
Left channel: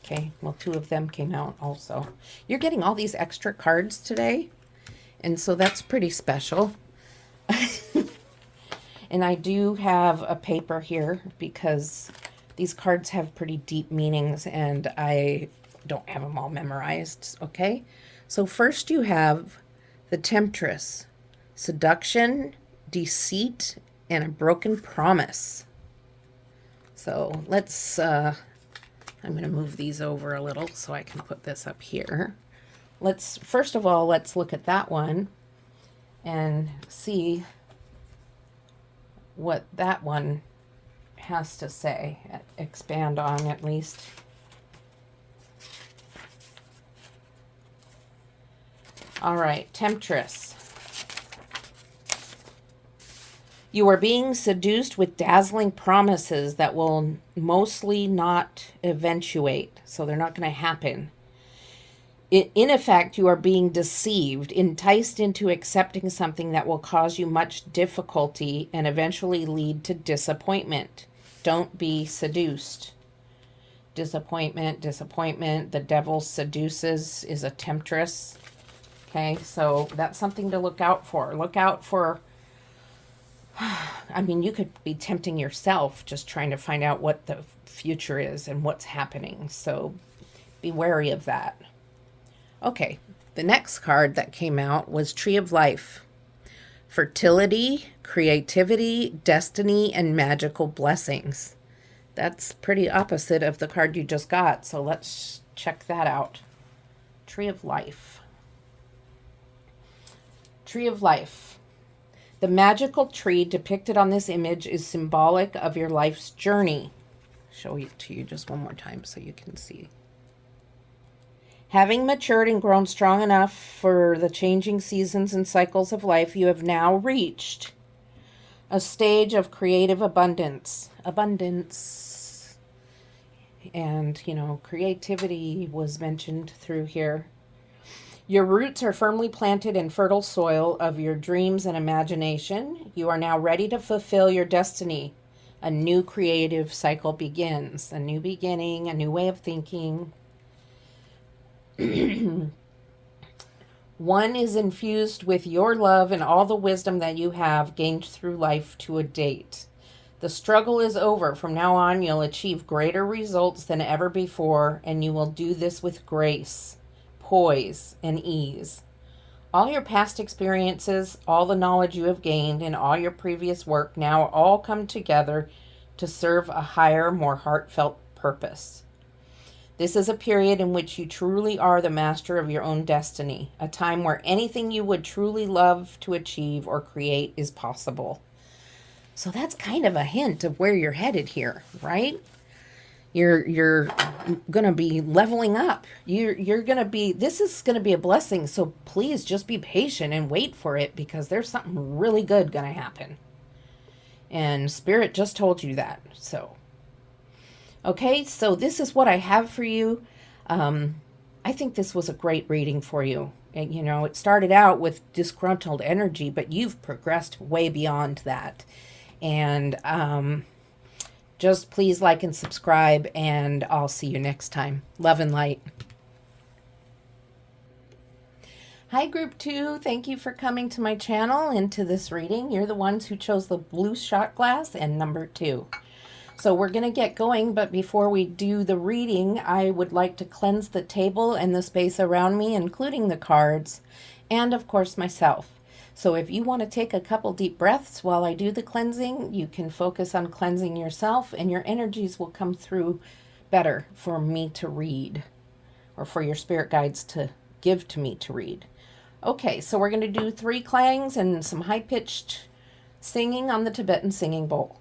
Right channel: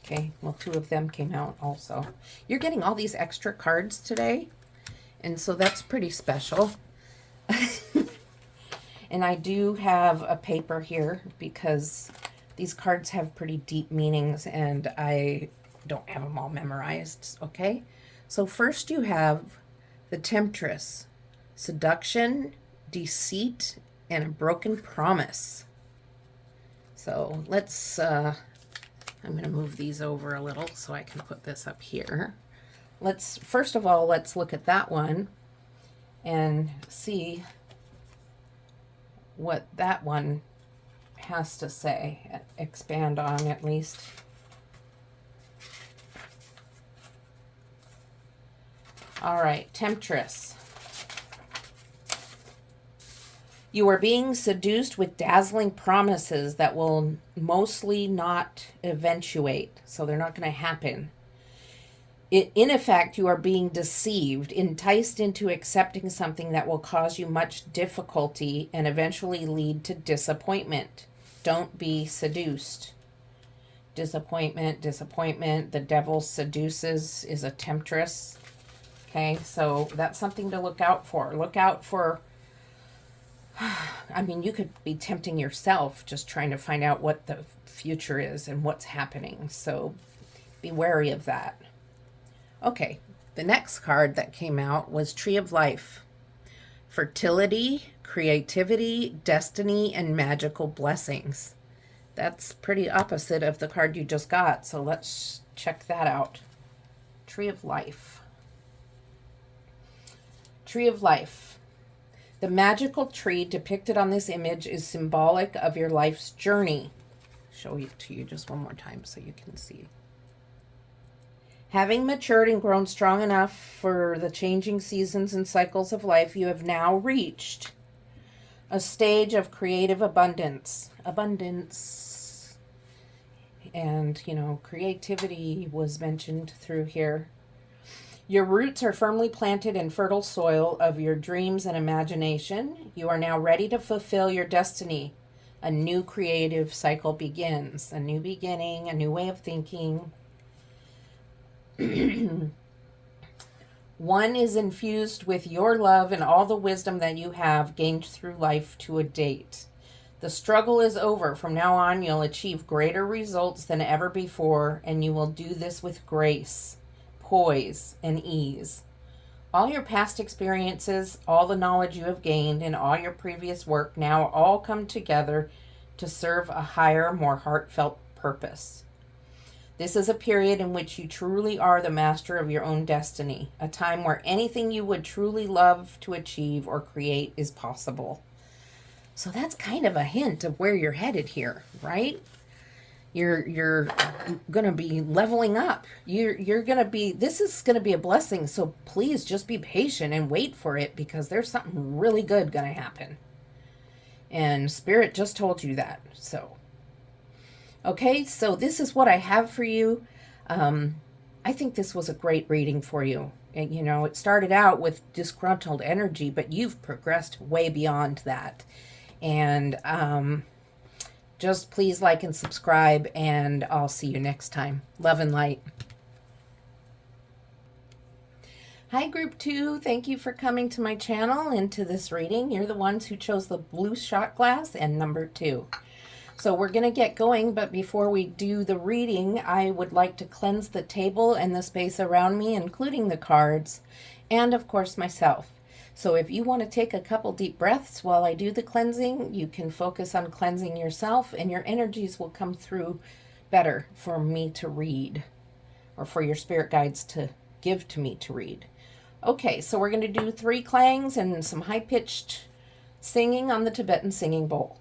Okay, well, 2 of them came out also. You're getting all these extra cards today, and so that's pretty special. And I do have a paper here because these cards have pretty deep meanings, and I don't have them all memorized, okay? So first you have the Temptress, seduction, deceit, and a broken promise. So let's, I'm going to move these over a little so I can put this up here. First of all, let's look at that one and see what that one has to say, expand on at least. All right, Temptress. You are being seduced with dazzling promises that will mostly not eventuate, so they're not going to happen. In effect, you are being deceived, enticed into accepting something that will cause you much difficulty and eventually lead to disappointment. Don't be seduced. Disappointment, the devil seduces is a temptress. Okay, so that's something to look out for. Look out for, you could be tempting yourself just trying to find out what the future is and what's happening. So be wary of that. Okay, the next card that came out was Tree of Life. Fertility, creativity, destiny, and magical blessings. That's pretty opposite of the card you just got, so let's check that out. Tree of Life. Tree of Life. The magical tree depicted on this image is symbolic of your life's journey. Show it to you just one more time so you can see. Having matured and grown strong enough for the changing seasons and cycles of life, you have now reached a stage of creative abundance. And, creativity was mentioned through here. Your roots are firmly planted in fertile soil of your dreams and imagination. You are now ready to fulfill your destiny. A new creative cycle begins. A new beginning, a new way of thinking. One is infused with your love and all the wisdom that you have gained through life to a date. The struggle is over. From now on, you'll achieve greater results than ever before, and you will do this with grace, poise, and ease. All your past experiences, all the knowledge you have gained, and all your previous work now all come together to serve a higher, more heartfelt purpose. This is a period in which you truly are the master of your own destiny, a time where anything you would truly love to achieve or create is possible. So that's kind of a hint of where you're headed here, right? You're going to be leveling up. You're going to be, this is going to be a blessing. So please just be patient and wait for it, because there's something really good going to happen. And Spirit just told you that. So, okay, so this is what I have for you. I think this was a great reading for you. And, you know, it started out with disgruntled energy, but you've progressed way beyond that. And just please like and subscribe, and I'll see you next time. Love and light. Hi, Group 2. Thank you for coming to my channel and to this reading. You're the ones who chose the blue shot glass and number 2. So we're going to get going, but before we do the reading, I would like to cleanse the table and the space around me, including the cards, and of course myself. So if you want to take a couple deep breaths while I do the cleansing, you can focus on cleansing yourself, and your energies will come through better for me to read, or for your spirit guides to give to me to read. Okay, so we're going to do 3 clangs and some high-pitched singing on the Tibetan singing bowl.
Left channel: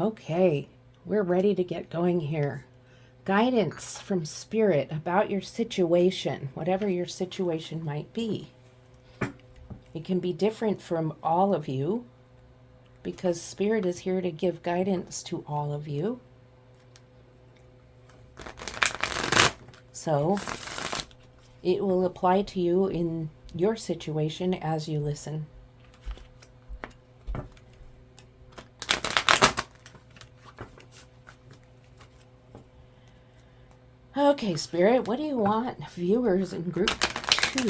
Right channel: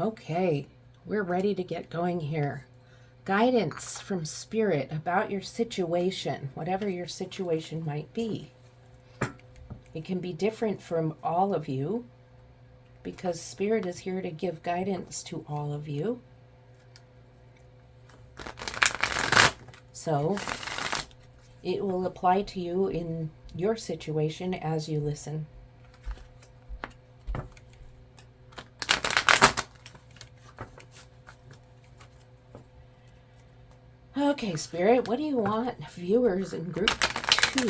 Okay, we're ready to get going here. Guidance from Spirit about your situation, whatever your situation might be. It can be different from all of you, because Spirit is here to give guidance to all of you. So it will apply to you in your situation as you listen. Okay, Spirit, what do you want viewers in Group 2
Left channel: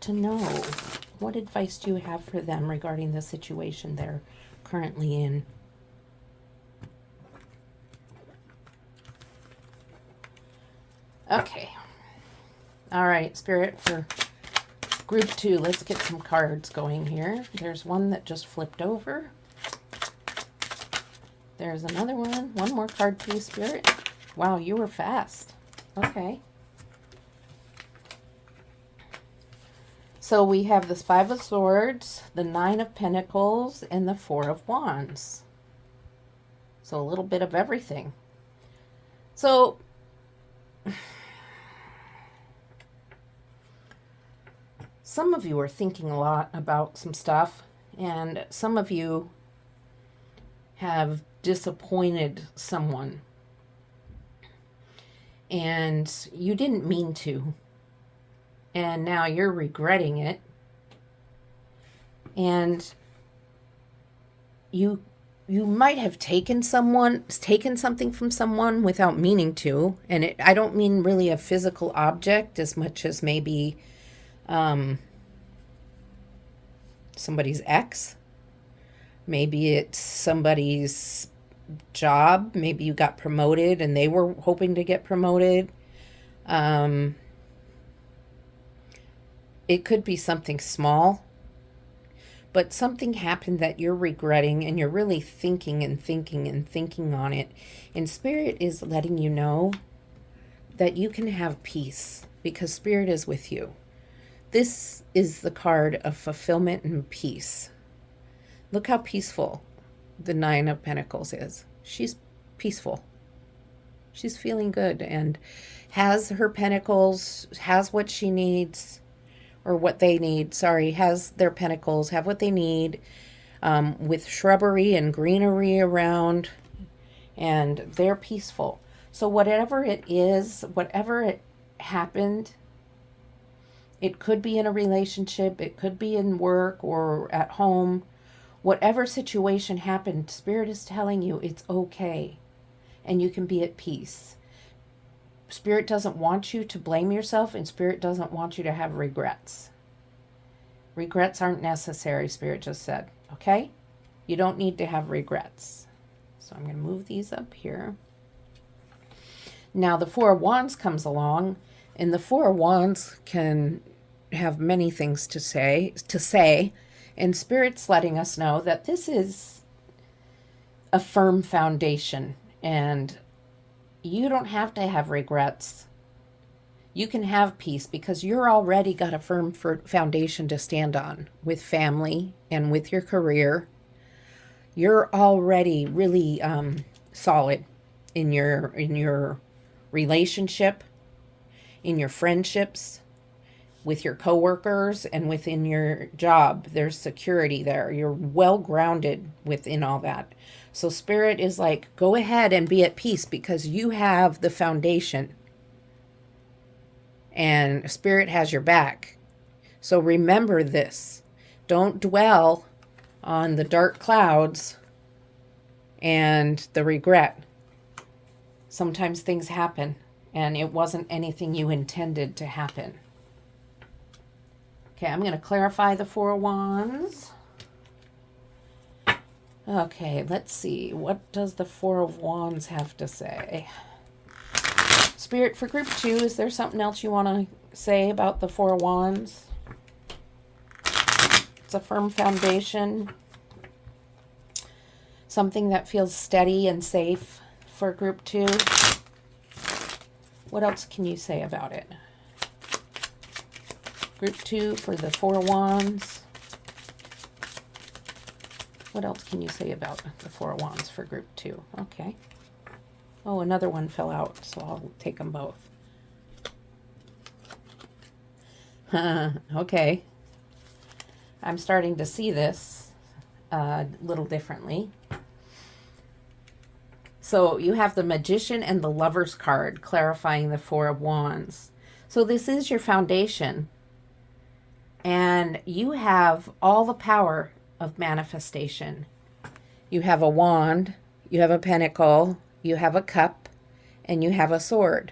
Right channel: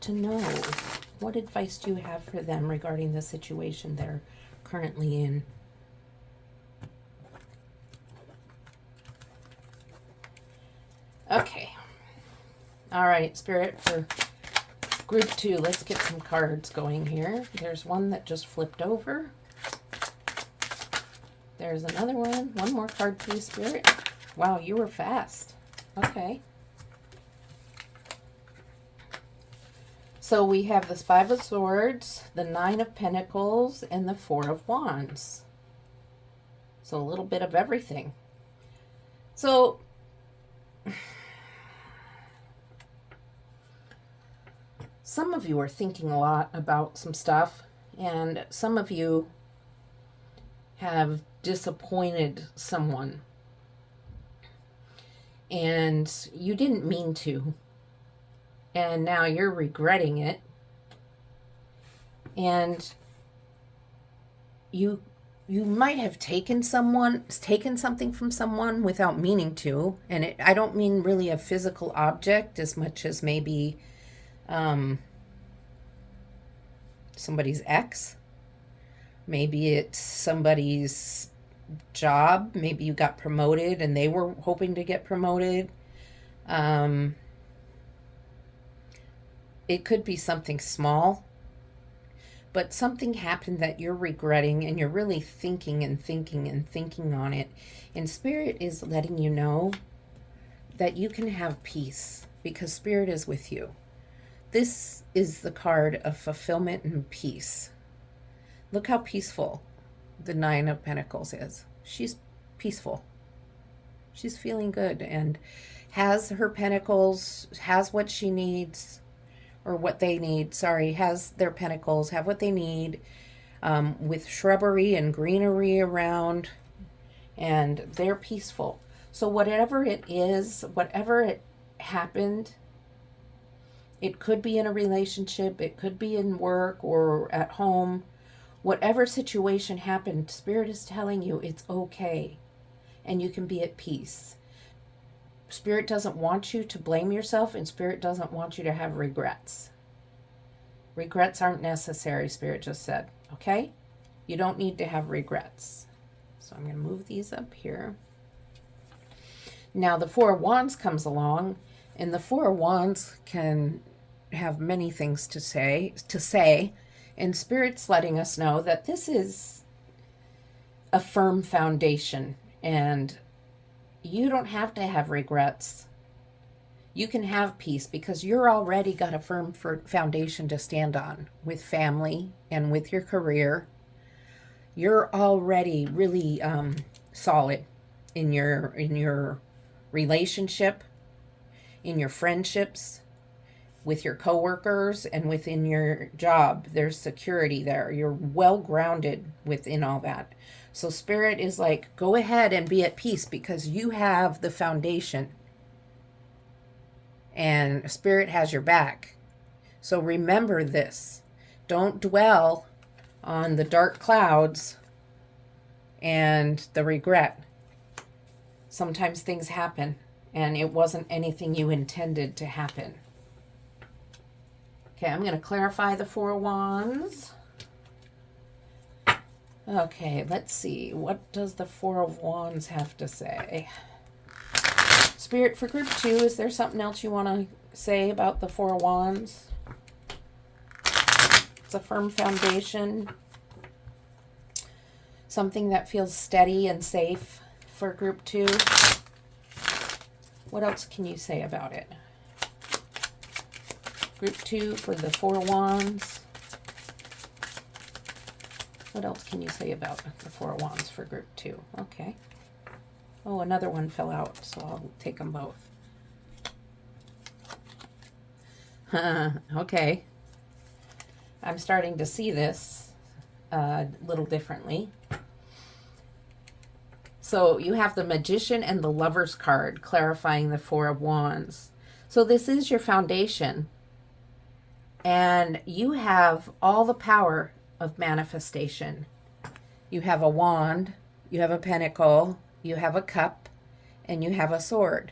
to know? What advice do you have for them regarding the situation they're currently in? Okay. All right, Spirit, for Group 2, let's get some cards going here. There's one that just flipped over. There's another one. One more card, please, Spirit. Wow, you were fast. Okay. So we have this 5 of Swords, the 9 of Pentacles, and the 4 of Wands. So a little bit of everything. So some of you are thinking a lot about some stuff, and some of you have disappointed someone. And you didn't mean to. And now you're regretting it. And you might have taken something from someone without meaning to. And I don't mean really a physical object as much as maybe somebody's ex. Maybe it's somebody's job. Maybe you got promoted and they were hoping to get promoted. It could be something small, but something happened that you're regretting, and you're really thinking and thinking and thinking on it. And Spirit is letting you know that you can have peace, because Spirit is with you. This is the card of fulfillment and peace. Look how peaceful the 9 of Pentacles is. She's peaceful. She's feeling good and has her pentacles, has what she needs, or what they need, has their pentacles, have what they need, with shrubbery and greenery around, and they're peaceful. So whatever it is, whatever it happened, it could be in a relationship, it could be in work or at home. Whatever situation happened, Spirit is telling you it's okay, and you can be at peace. Spirit doesn't want you to blame yourself, and Spirit doesn't want you to have regrets. Regrets aren't necessary, Spirit just said, okay? You don't need to have regrets. So I'm going to move these up here. Now the Four of Wands comes along, and the Four of Wands can have many things to say, and Spirit's letting us know that this is a firm foundation, and you don't have to have regrets. You can have peace because you're already got a firm foundation to stand on with family and with your career. You're already really solid in your relationship, in your friendships, with your coworkers, and within your job. There's security there. You're well grounded within all that. So Spirit is like, go ahead and be at peace because you have the foundation. And Spirit has your back. So remember this. Don't dwell on the dark clouds and the regret. Sometimes things happen, and it wasn't anything you intended to happen. Okay, I'm going to clarify the Four of Wands. Okay, let's see. What does the Four of Wands have to say? Spirit, for group 2, is there something else you want to say about the Four of Wands? It's a firm foundation. Something that feels steady and safe for group 2. What else can you say about it? Group 2 for the Four of Wands. What else can you say about the Four of Wands for group 2? Okay. Oh, another one fell out, so I'll take them both. Okay. I'm starting to see this a little differently. So you have the Magician and the Lover's card clarifying the Four of Wands. So this is your foundation. And you have all the power of manifestation. You have a wand, you have a pentacle, you have a cup, and you have a sword.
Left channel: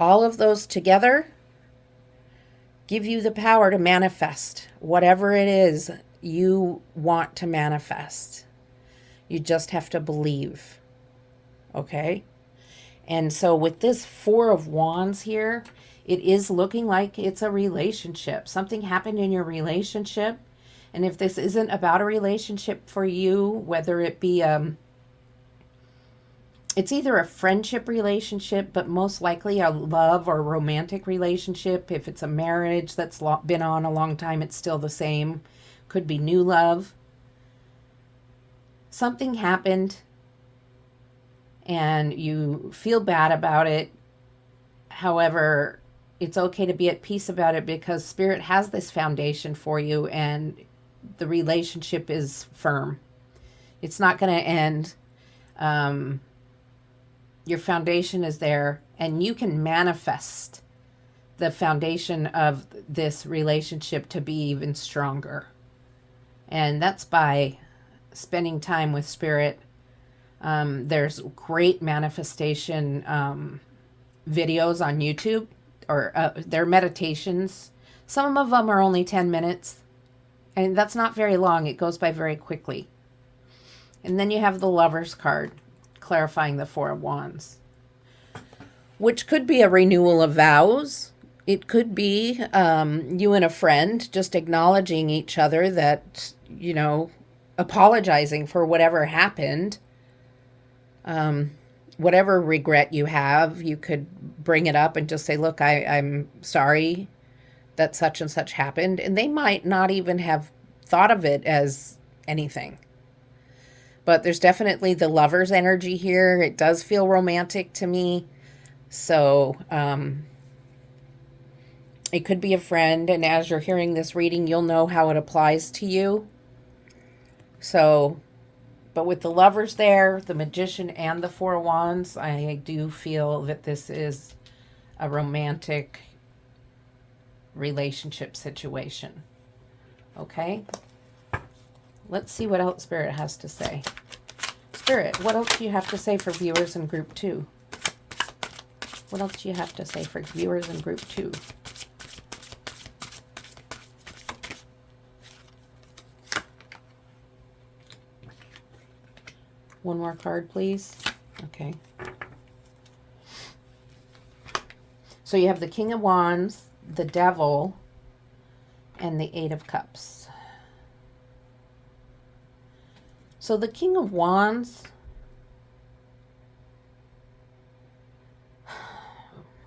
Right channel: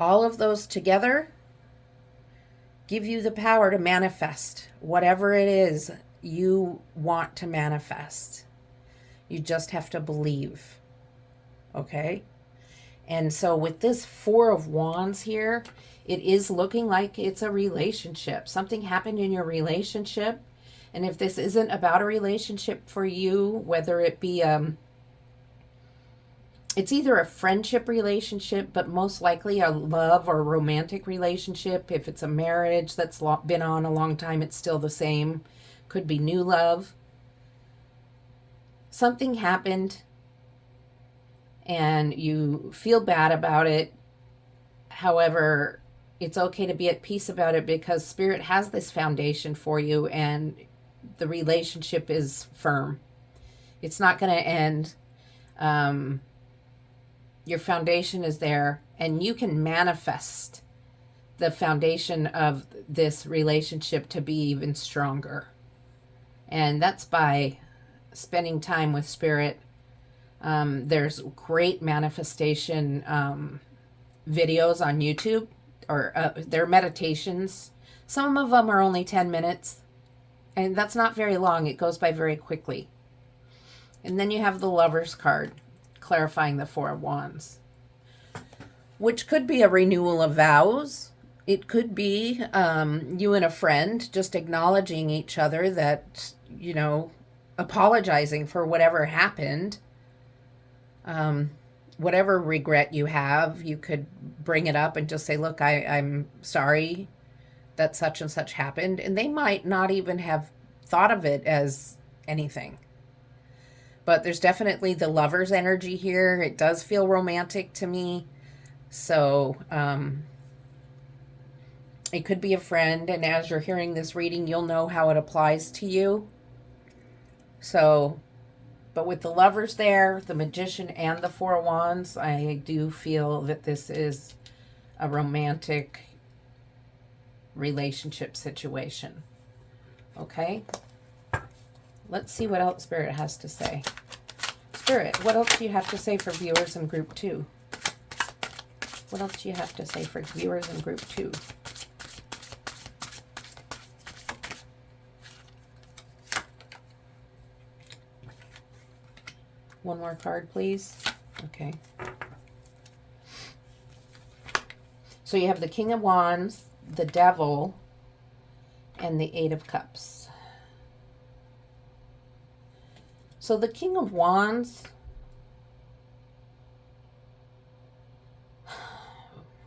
All of those together give you the power to manifest whatever it is you want to manifest. You just have to believe. Okay? And so with this Four of Wands here, it is looking like it's a relationship. Something happened in your relationship. And if this isn't about a relationship for you, whether it be it's either a friendship relationship, but most likely a love or romantic relationship. If it's a marriage that's been on a long time, it's still the same. Could be new love. Something happened and you feel bad about it. However, it's okay to be at peace about it because Spirit has this foundation for you and the relationship is firm. It's not going to end. Your foundation is there, and you can manifest the foundation of this relationship to be even stronger. And that's by spending time with Spirit. There's great manifestation videos on YouTube, or they're meditations. Some of them are only 10 minutes, and that's not very long. It goes by very quickly. And then you have the Lover's card, clarifying the Four of Wands, which could be a renewal of vows. It could be you and a friend just acknowledging each other that, you know, apologizing for whatever happened. Whatever regret you have, you could bring it up and just say, look, I'm sorry that such and such happened. And they might not even have thought of it as anything. But there's definitely the Lover's energy here. It does feel romantic to me. So it could be a friend. And as you're hearing this reading, you'll know how it applies to you. So, but with the Lovers there, the Magician and the Four of Wands, I do feel that this is a romantic relationship situation. Okay? Let's see what else Spirit has to say. Spirit, what else do you have to say for viewers in group 2? What else do you have to say for viewers in group 2? One more card, please. Okay. So you have the King of Wands, the Devil, and the Eight of Cups. So the King of Wands,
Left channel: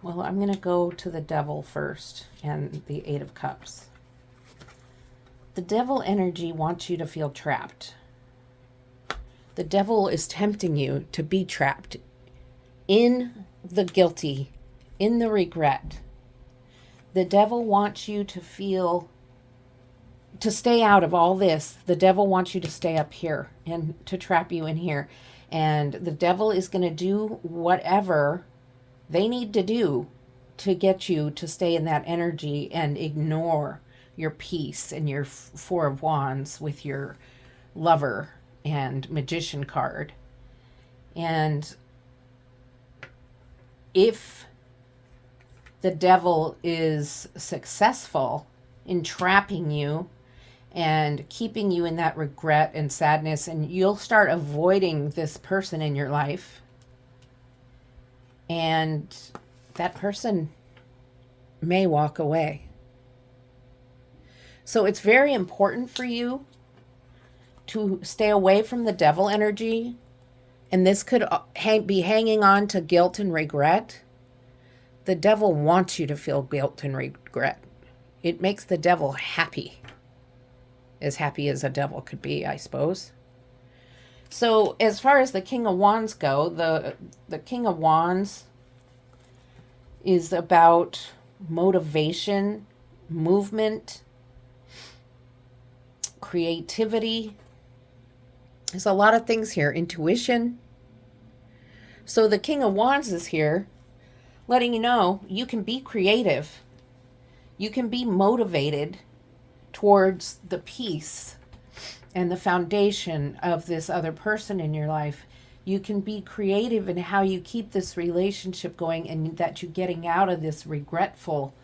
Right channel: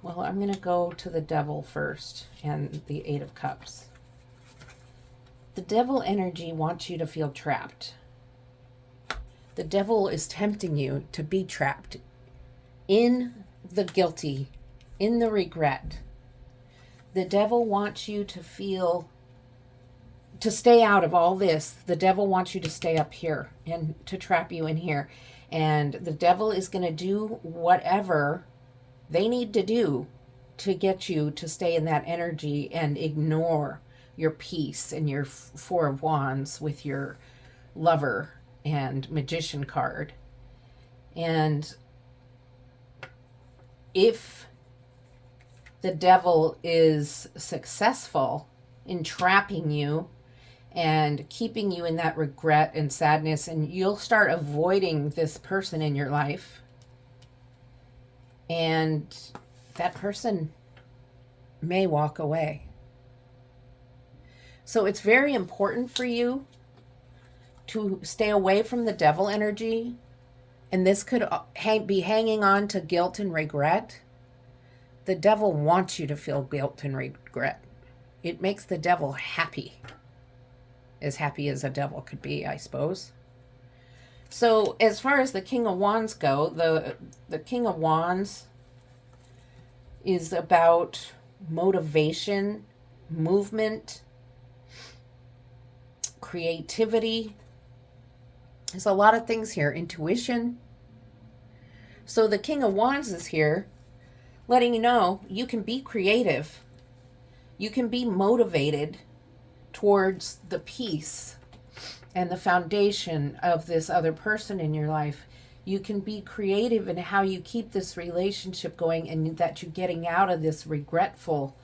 well, I'm going to go to the Devil first and the Eight of Cups. The Devil energy wants you to feel trapped. The Devil is tempting you to be trapped in the guilty, in the regret. The Devil wants you to feel, to stay out of all this. The Devil wants you to stay up here and to trap you in here. And the Devil is going to do whatever they need to do to get you to stay in that energy and ignore your peace and your Four of Wands with your Lover and Magician card. And if the Devil is successful in trapping you and keeping you in that regret and sadness, and you'll start avoiding this person in your life, and that person may walk away. So it's very important for you to stay away from the Devil energy, and this could be hanging on to guilt and regret. The Devil wants you to feel guilt and regret. It makes the Devil happy as a devil could be, I suppose. So as far as the King of Wands go, the King of Wands is about motivation, movement, creativity. There's a lot of things here. Intuition. So the King of Wands is here letting you know you can be creative. You can be motivated towards the peace and the foundation of this other person in your life. You can be creative in how you keep this relationship going, and that you're getting out of this regretful,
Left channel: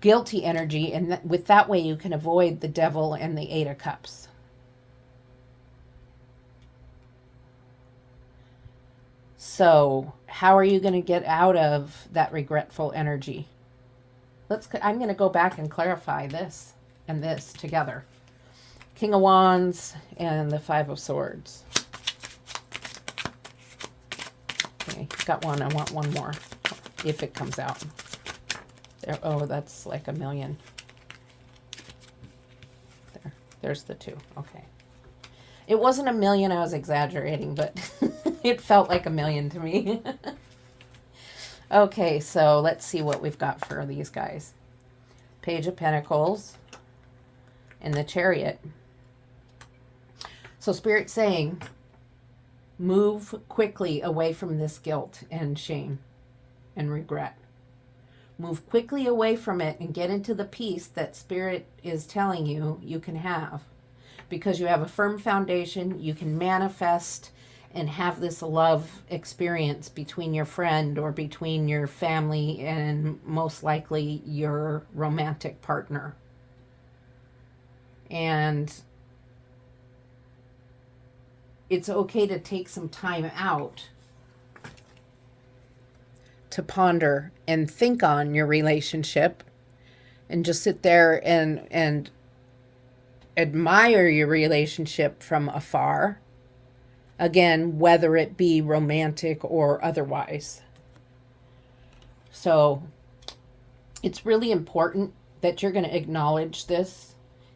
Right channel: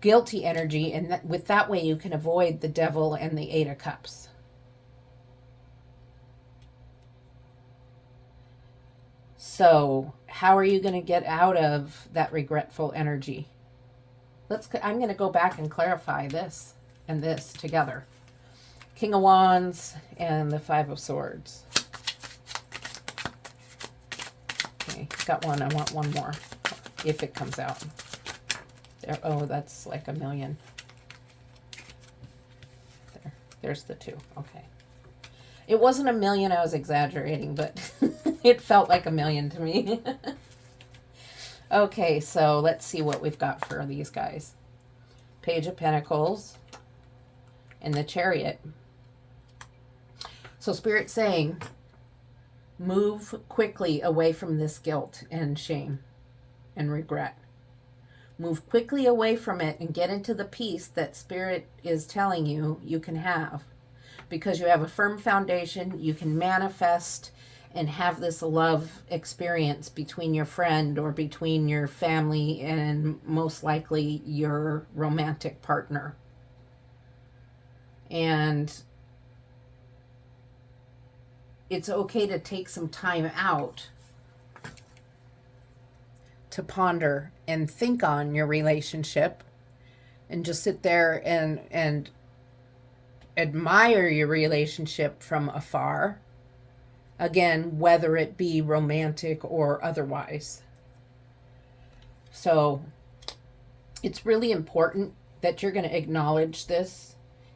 guilty energy, and with that way you can avoid the Devil and the Eight of Cups. So how are you going to get out of that regretful energy? I'm going to go back and clarify this and this together. King of Wands and the Five of Swords. Okay, got one. I want one more if it comes out. There. Oh, that's like a million. There's the two. Okay. It wasn't a million, I was exaggerating, but it felt like a million to me. Okay, so let's see what we've got for these guys. Page of Pentacles and the Chariot. So Spirit's saying, move quickly away from this guilt and shame and regret. Move quickly away from it and get into the peace that Spirit is telling you you can have. Because you have a firm foundation, you can manifest and have this love experience between your friend or between your family and most likely your romantic partner. And it's okay to take some time out to ponder and think on your relationship and just sit there and admire your relationship from afar. Again, whether it be romantic or otherwise. So it's really important that you're going to acknowledge this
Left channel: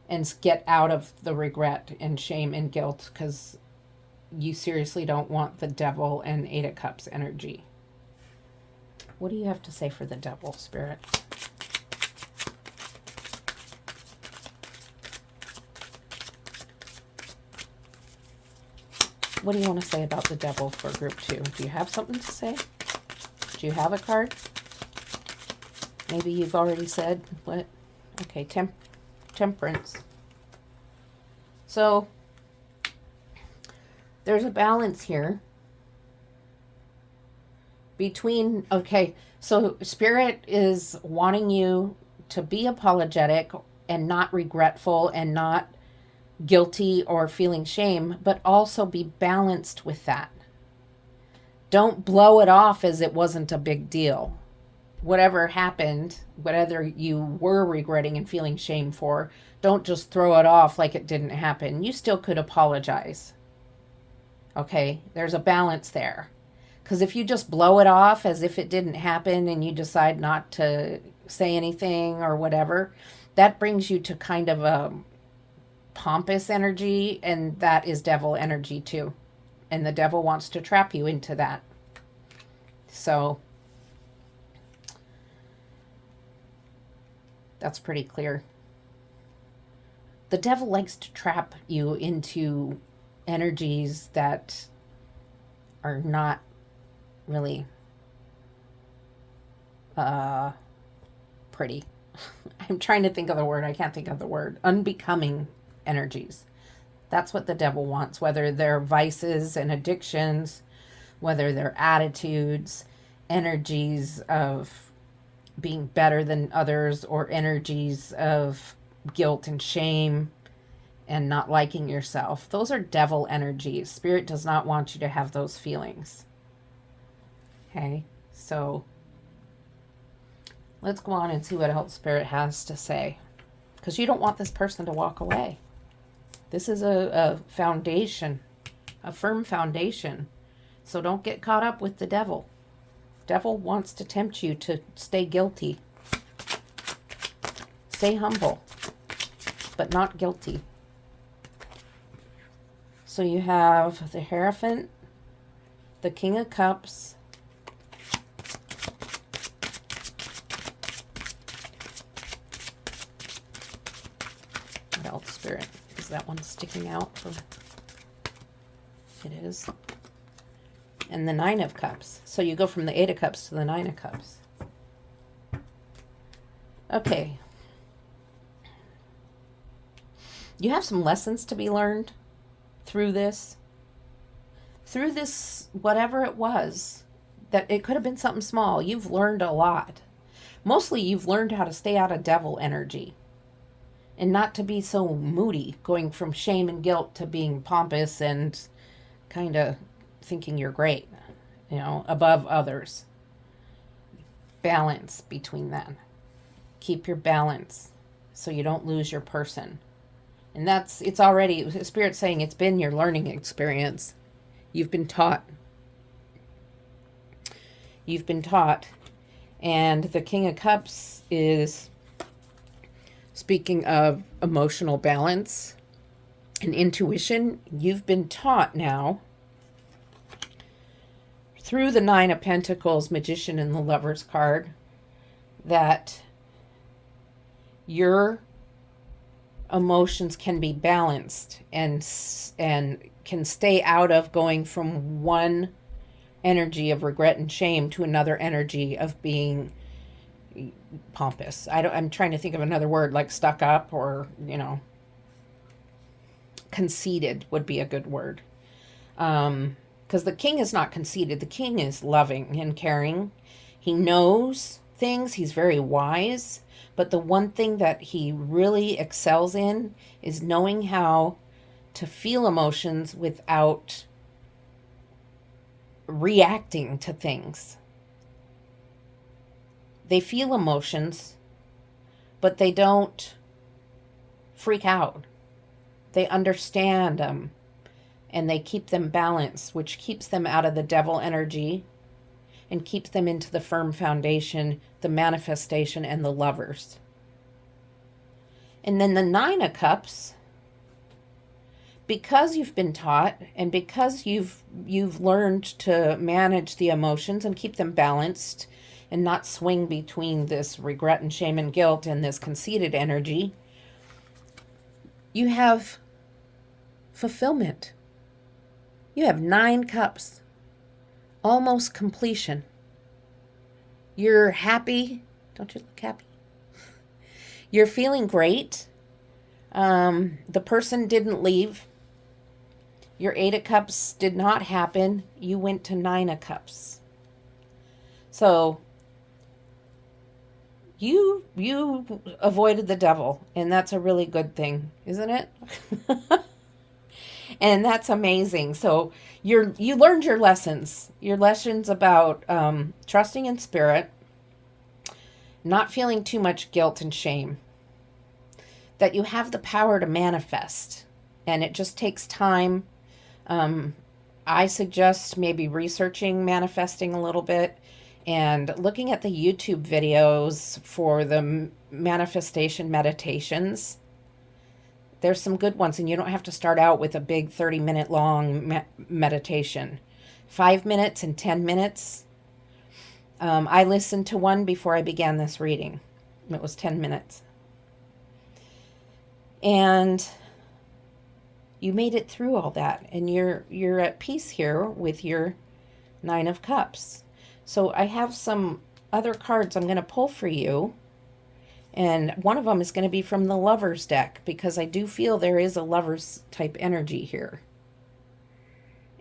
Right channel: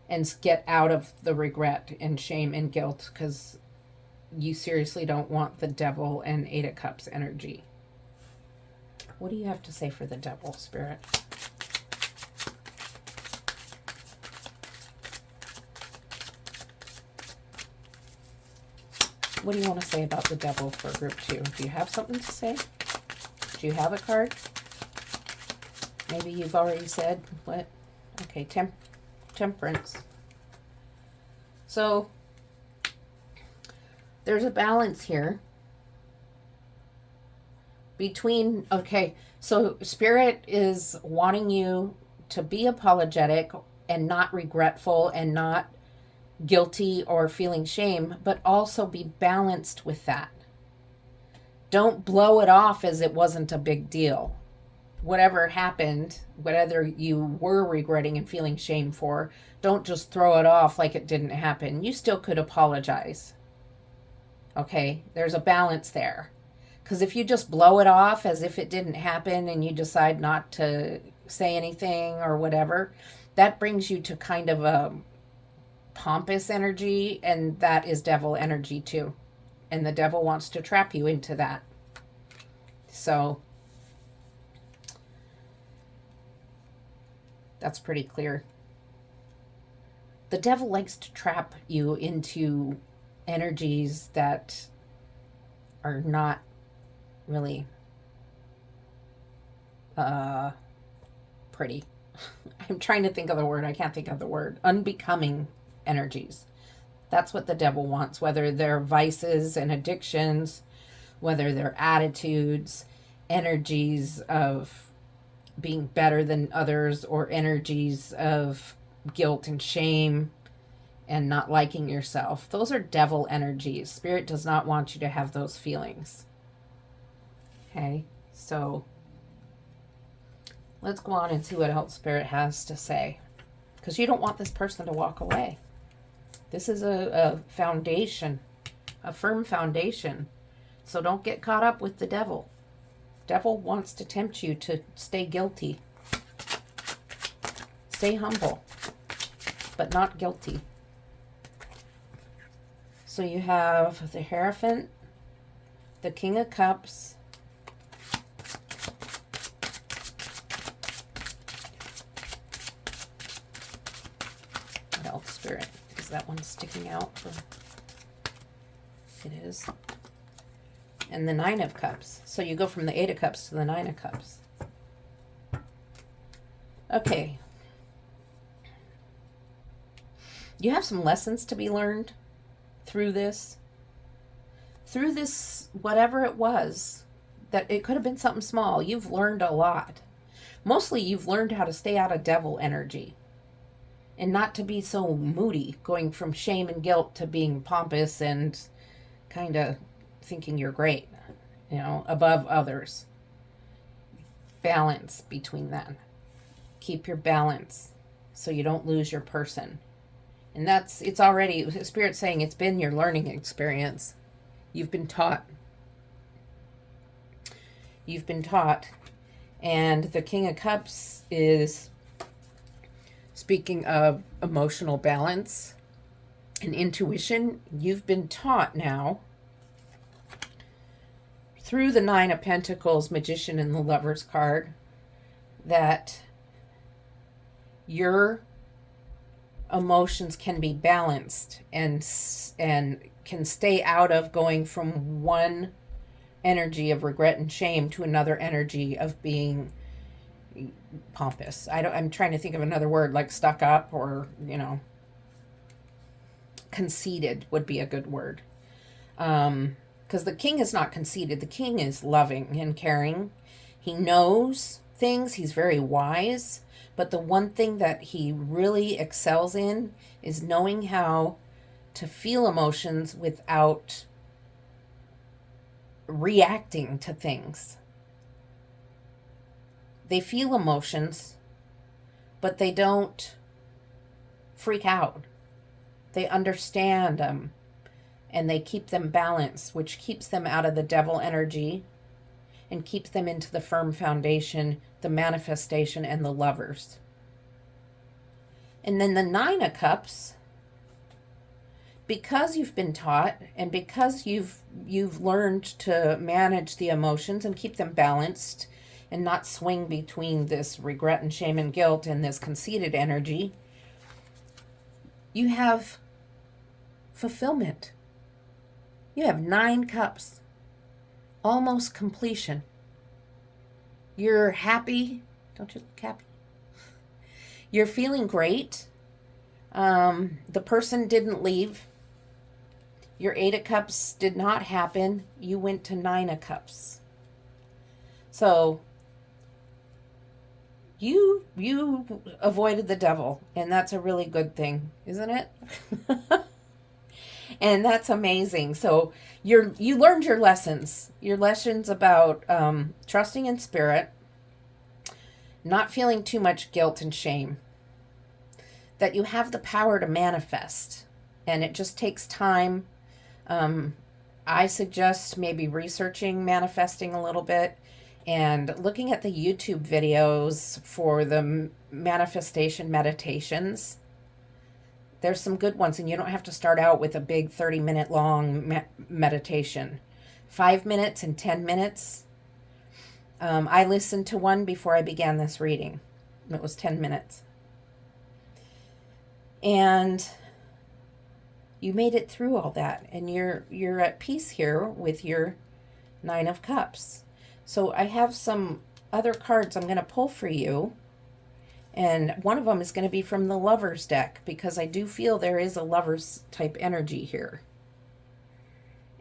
and get out of the regret and shame and guilt, because you seriously don't want the Devil and Eight of Cups energy. What do you have to say for the Devil, Spirit? What do you want to say about the Devil for group 2? Do you have something to say? Do you have a card? Maybe you've already said what? Okay, Temperance. So there's a balance here. Okay, so Spirit is wanting you to be apologetic and not regretful and not guilty or feeling shame, but also be balanced with that. Don't blow it off as it wasn't a big deal. Whatever happened, whatever you were regretting and feeling shame for, don't just throw it off like it didn't happen. You still could apologize. Okay, there's a balance there. Because if you just blow it off as if it didn't happen and you decide not to say anything or whatever, that brings you to kind of a pompous energy, and that is devil energy too. And the devil wants to trap you into that. So that's pretty clear. The devil likes to trap you into energies that are not really pretty. I'm trying to think of the word. I can't think of the word. Unbecoming energies. That's what the devil wants, whether they're vices and addictions, whether they're attitudes, energies of being better than others, or energies of guilt and shame and not liking yourself. Those are devil energies. Spirit does not want you to have those feelings. Okay, so let's go on and see what else Spirit has to say. Because you don't want this person to walk away. This is a foundation, a firm foundation. So don't get caught up with the devil. Devil wants to tempt you to stay guilty. Stay humble, but not guilty. So you have the Hierophant, the King of Cups, what else, Spirit? Is that one sticking out? It is. And the Nine of Cups. So you go from the Eight of Cups to the Nine of Cups. Okay. You have some lessons to be learned through this. Through this, whatever it was, that it could have been something small. You've learned a lot. Mostly you've learned how to stay out of devil energy. And not to be so moody, going from shame and guilt to being pompous and kind of thinking you're great, above others. Balance between them. Keep your balance so you don't lose your person. And it's already, Spirit's saying it's been your learning experience. You've been taught. You've been taught. And the King of Cups is speaking of emotional balance and intuition. You've been taught now through the Nine of Pentacles, Magician, and the Lover's card that your emotions can be balanced and can stay out of going from one energy of regret and shame to another energy of being pompous. I'm trying to think of another word, like stuck up, or conceited would be a good word. Because the king is not conceited. The king is loving and caring. He knows things. He's very wise. But the one thing that he really excels in is knowing how to feel emotions without reacting to things. They feel emotions, but they don't freak out. They understand them, and they keep them balanced, which keeps them out of the devil energy and keeps them into the firm foundation, the manifestation, and the Lovers. And then the Nine of Cups, because you've been taught and because you've learned to manage the emotions and keep them balanced and not swing between this regret and shame and guilt and this conceited energy, you have fulfillment. You have 9 cups. Almost completion. You're happy. Don't you look happy? You're feeling great. The person didn't leave. Your 8 of Cups did not happen. You went to 9 of Cups. So you avoided the devil, and that's a really good thing, isn't it? And that's amazing. So you learned your lessons about trusting in spirit, not feeling too much guilt and shame, that you have the power to manifest, and it just takes time. I suggest maybe researching manifesting a little bit and looking at the YouTube videos for the manifestation meditations. There's some good ones, and you don't have to start out with a big 30-minute long meditation. 5 minutes and 10 minutes. I listened to one before I began this reading. It was 10 minutes. And you made it through all that, and you're at peace here with your 9 of Cups. So I have some other cards I'm going to pull for you. And one of them is going to be from the Lovers deck, because I do feel there is a Lovers type energy here.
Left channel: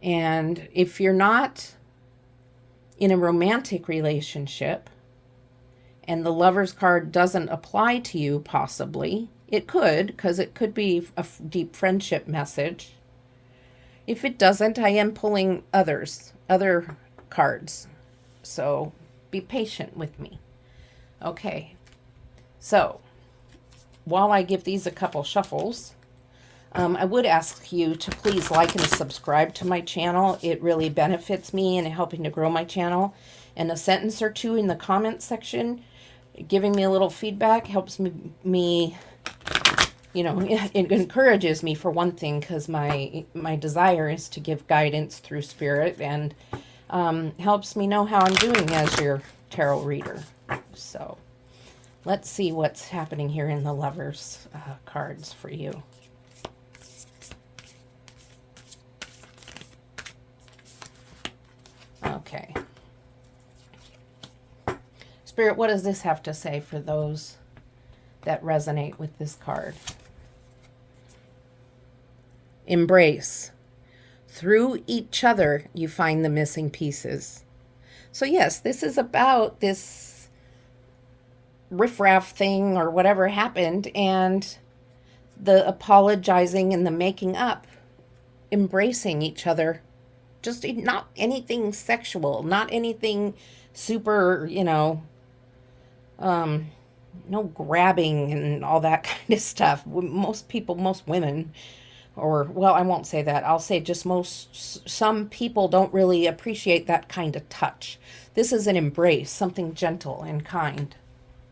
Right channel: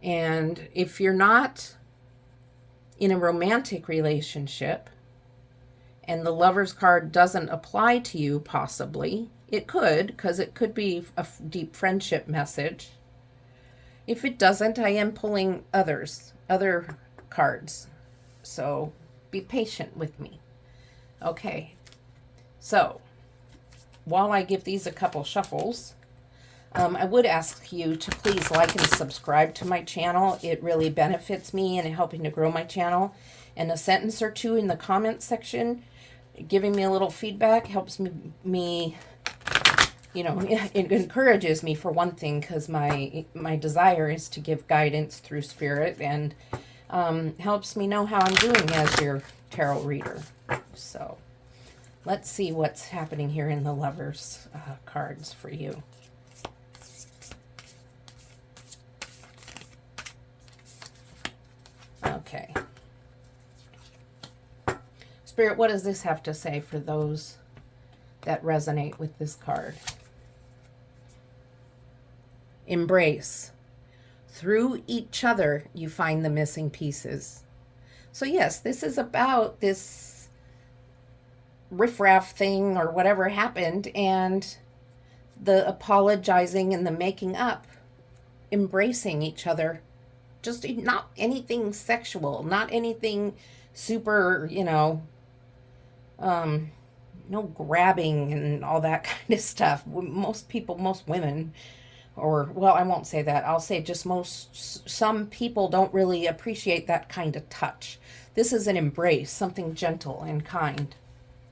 And if you're not in a romantic relationship and the Lovers card doesn't apply to you, possibly, it could, because it could be a deep friendship message. If it doesn't, I am pulling other cards. So be patient with me. Okay. So, while I give these a couple shuffles, I would ask you to please like and subscribe to my channel. It really benefits me in helping to grow my channel. And a sentence or two in the comment section, giving me a little feedback, helps me you know, it encourages me, for one thing, because my desire is to give guidance through spirit, and helps me know how I'm doing as your tarot reader. So let's see what's happening here in the Lovers cards for you. Okay. Spirit, what does this have to say for those that resonate with this card? Embrace. Through each other, you find the missing pieces. So yes, this is about this riffraff thing or whatever happened, and the apologizing and the making up, embracing each other. Just not anything sexual, not anything super, no grabbing and all that kind of stuff. Most people, most women, or, well, I won't say that. I'll say just some people don't really appreciate that kind of touch. This is an embrace, something gentle and kind.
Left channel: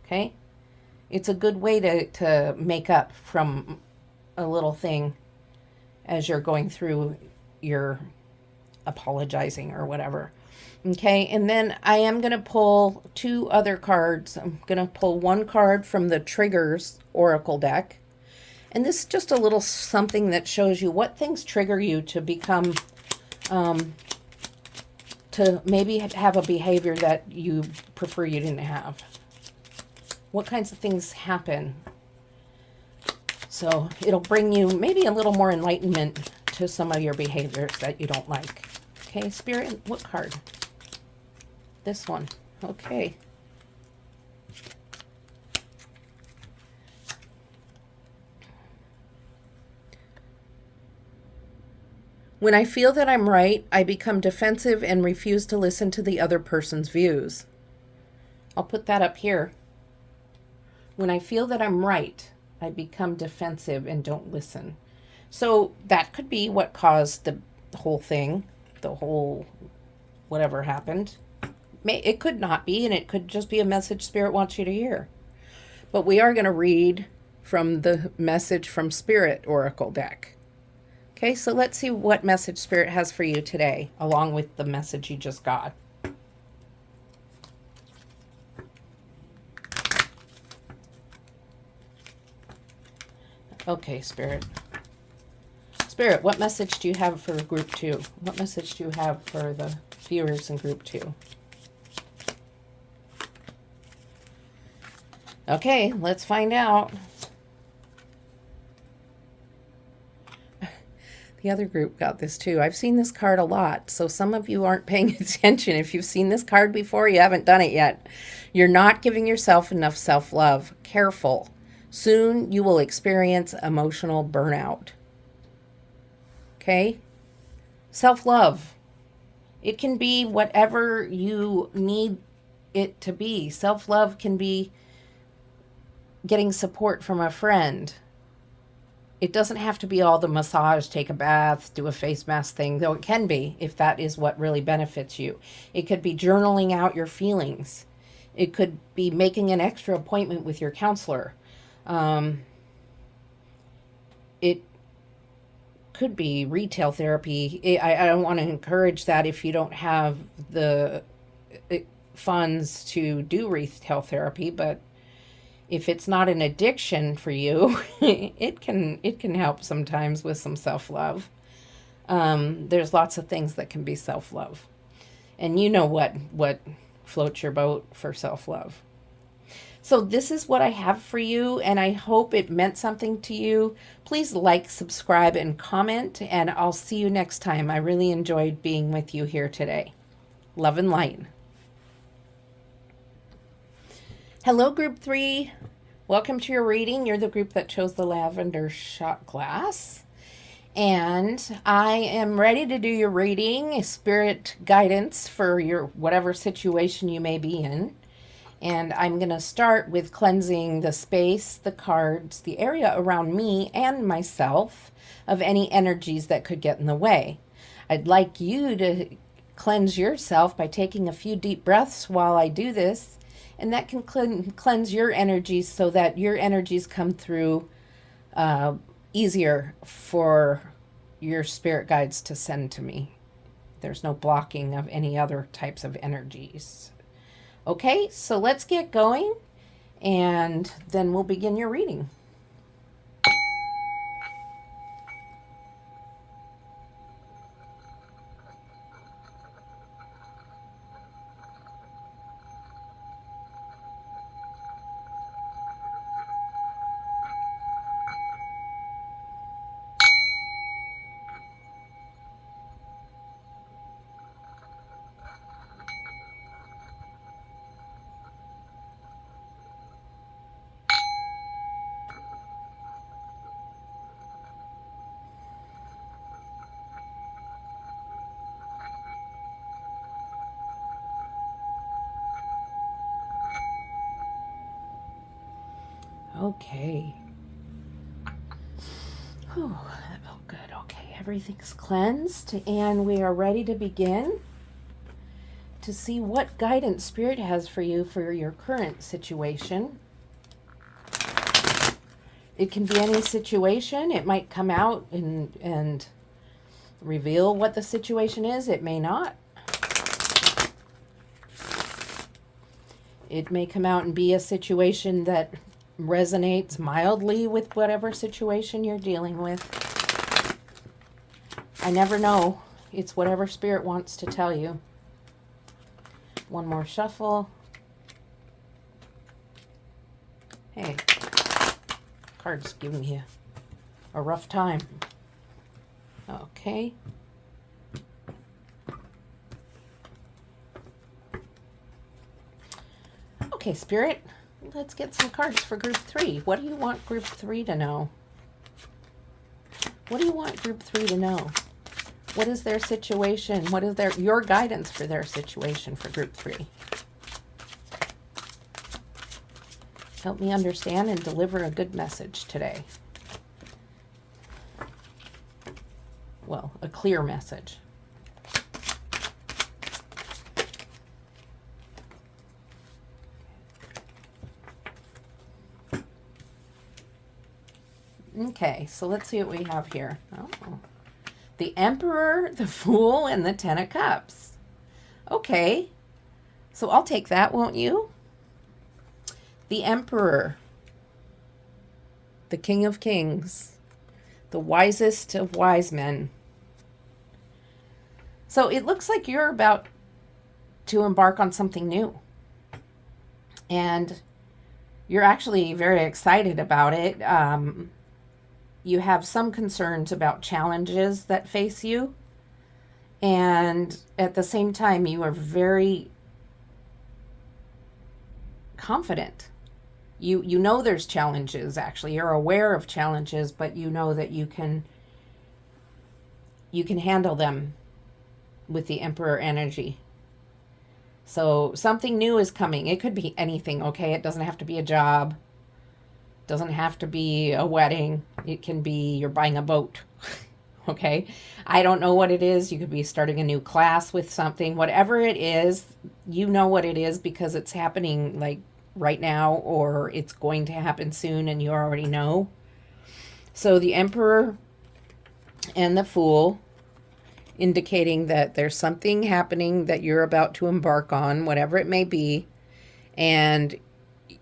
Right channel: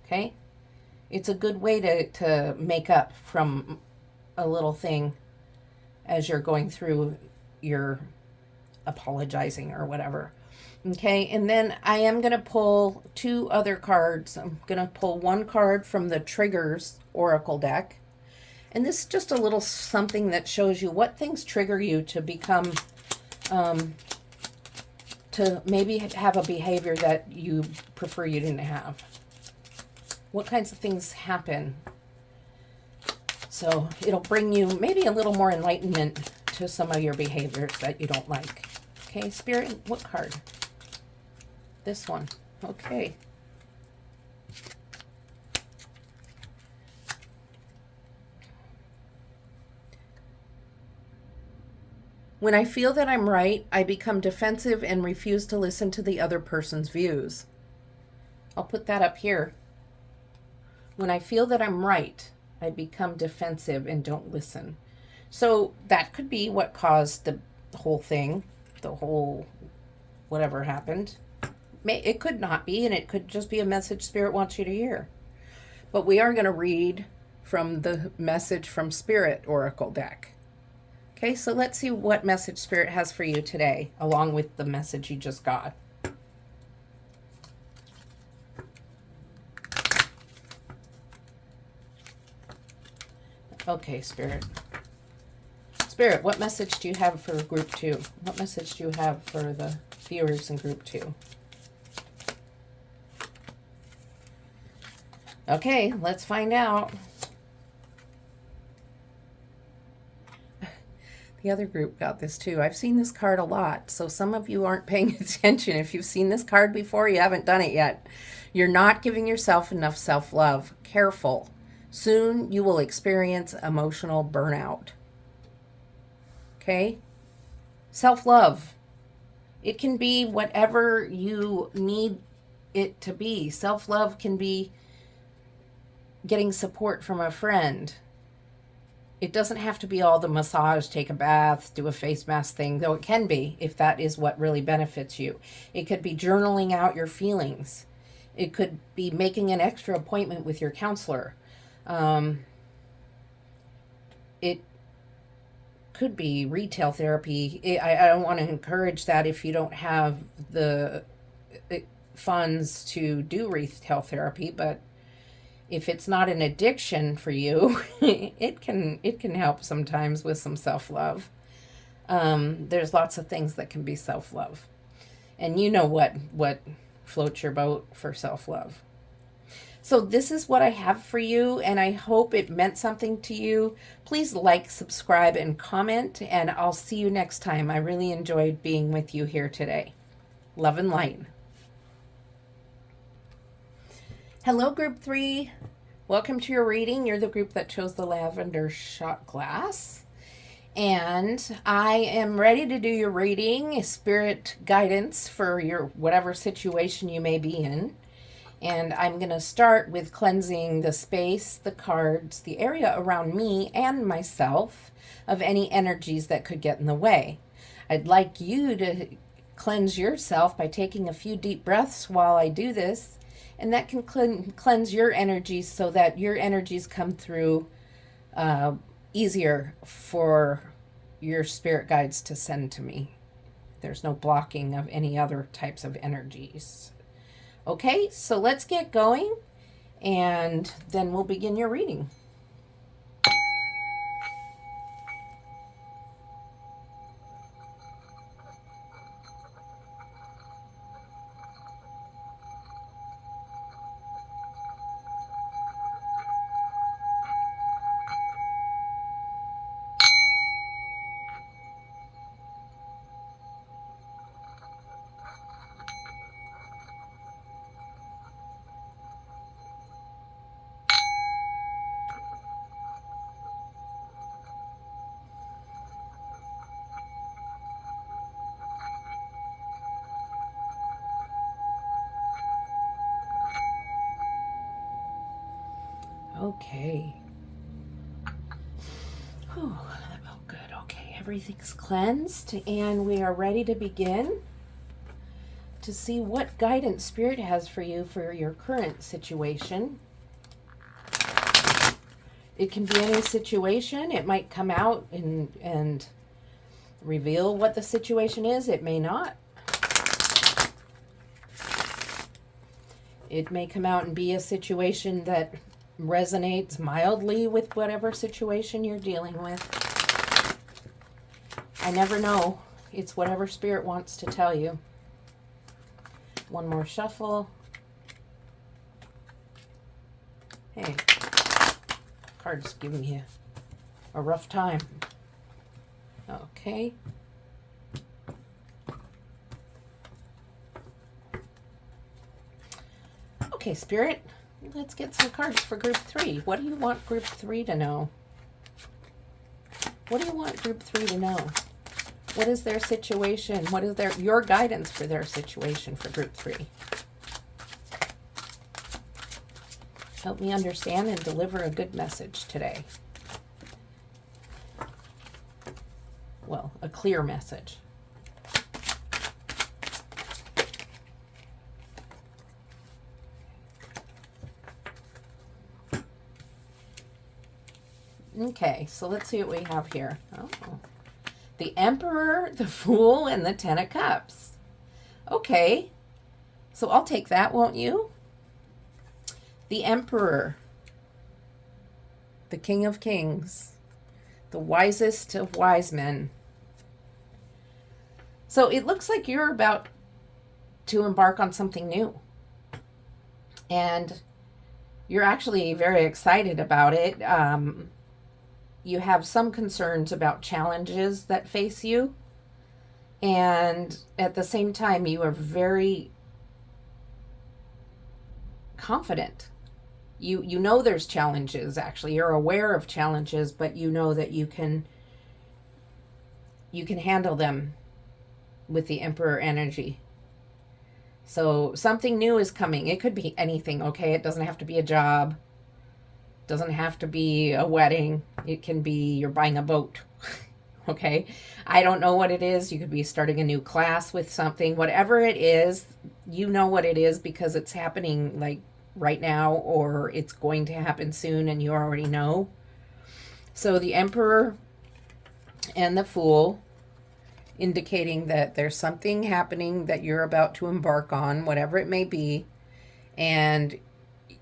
Okay? It's a good way to make up from a little thing as you're going through your apologizing or whatever. Okay, and then I am going to pull 2 other cards. I'm going to pull one card from the Triggers Oracle deck. And this is just a little something that shows you what things trigger you to become, to maybe have a behavior that you prefer you didn't have. What kinds of things happen? So it'll bring you maybe a little more enlightenment to some of your behaviors that you don't like. Okay, Spirit, what card? This one. Okay. When I feel that I'm right, I become defensive and refuse to listen to the other person's views. I'll put that up here. When I feel that I'm right, I become defensive and don't listen. So that could be what caused the whole thing, the whole whatever happened. It could not be, and it could just be a message Spirit wants you to hear. But we are going to read from the Message from Spirit Oracle deck. Okay, so let's see what message Spirit has for you today, along with the message you just got. Okay, Spirit. Spirit, what message do you have for Group 2? What message do you have for the viewers in Group 2? Okay, let's find out. The other group got this too. I've seen this card a lot, so some of you aren't paying attention. If you've seen this card before, you haven't done it yet. You're not giving yourself enough self-love. Careful. Soon you will experience emotional burnout. Okay? Self-love. It can be whatever you need it to be. Self-love can be getting support from a friend. It doesn't have to be all the massage, take a bath, do a face mask thing, though it can be if that is what really benefits you. It could be journaling out your feelings. It could be making an extra appointment with your counselor. It could be retail therapy. I don't want to encourage that if you don't have the funds to do retail therapy, but if it's not an addiction for you, it can help sometimes with some self-love. There's lots of things that can be self-love. And you know what floats your boat for self-love. So this is what I have for you, and I hope it meant something to you. Please like, subscribe, and comment, and I'll see you next time. I really enjoyed being with you here today. Love and light. Hello, Group 3. Welcome to your reading. You're the group that chose the lavender shot glass. And I am ready to do your reading, spirit guidance for your whatever situation you may be in. And I'm going to start with cleansing the space, the cards, the area around me and myself of any energies that could get in the way. I'd like you to cleanse yourself by taking a few deep breaths while I do this. And that can cleanse your energies so that your energies come through easier for your spirit guides to send to me. There's no blocking of any other types of energies. Okay, so let's get going, and then we'll begin your reading. Okay. Whew, that felt good. Okay, everything's cleansed, and we are ready to begin to see what guidance Spirit has for you for your current situation. It can be any situation. It might come out and reveal what the situation is. It may not. It may come out and be a situation that resonates mildly with whatever situation you're dealing with. I never know. It's whatever Spirit wants to tell you. One more shuffle. Hey, card's giving you a rough time. Okay. Okay, Spirit, let's get some cards for Group 3. What do you want Group 3 to know? What do you want Group 3 to know? What is their situation? What is your guidance for their situation for Group 3? Help me understand and deliver a good message today. Well, a clear message. Okay, so let's see what we have here. Oh, the Emperor, the Fool, and the Ten of Cups. Okay, so I'll take that, won't you? The Emperor, the King of Kings, the wisest of wise men. So it looks like you're about to embark on something new. And you're actually very excited about it. you have some concerns about challenges that face you, and at the same time you are very confident. You know there's challenges. Actually, you're aware of challenges, but you know that you can handle them with the Emperor energy. So something new is coming. It could be anything, okay? It doesn't have to be a job. Doesn't have to be a wedding. It can be you're buying a boat. Okay? I don't know what it is. You could be starting a new class with something. Whatever it is, you know what it is because it's happening like right now, or it's going to happen soon and you already know. So the Emperor and the Fool, indicating that there's something happening that you're about to embark on, whatever it may be, and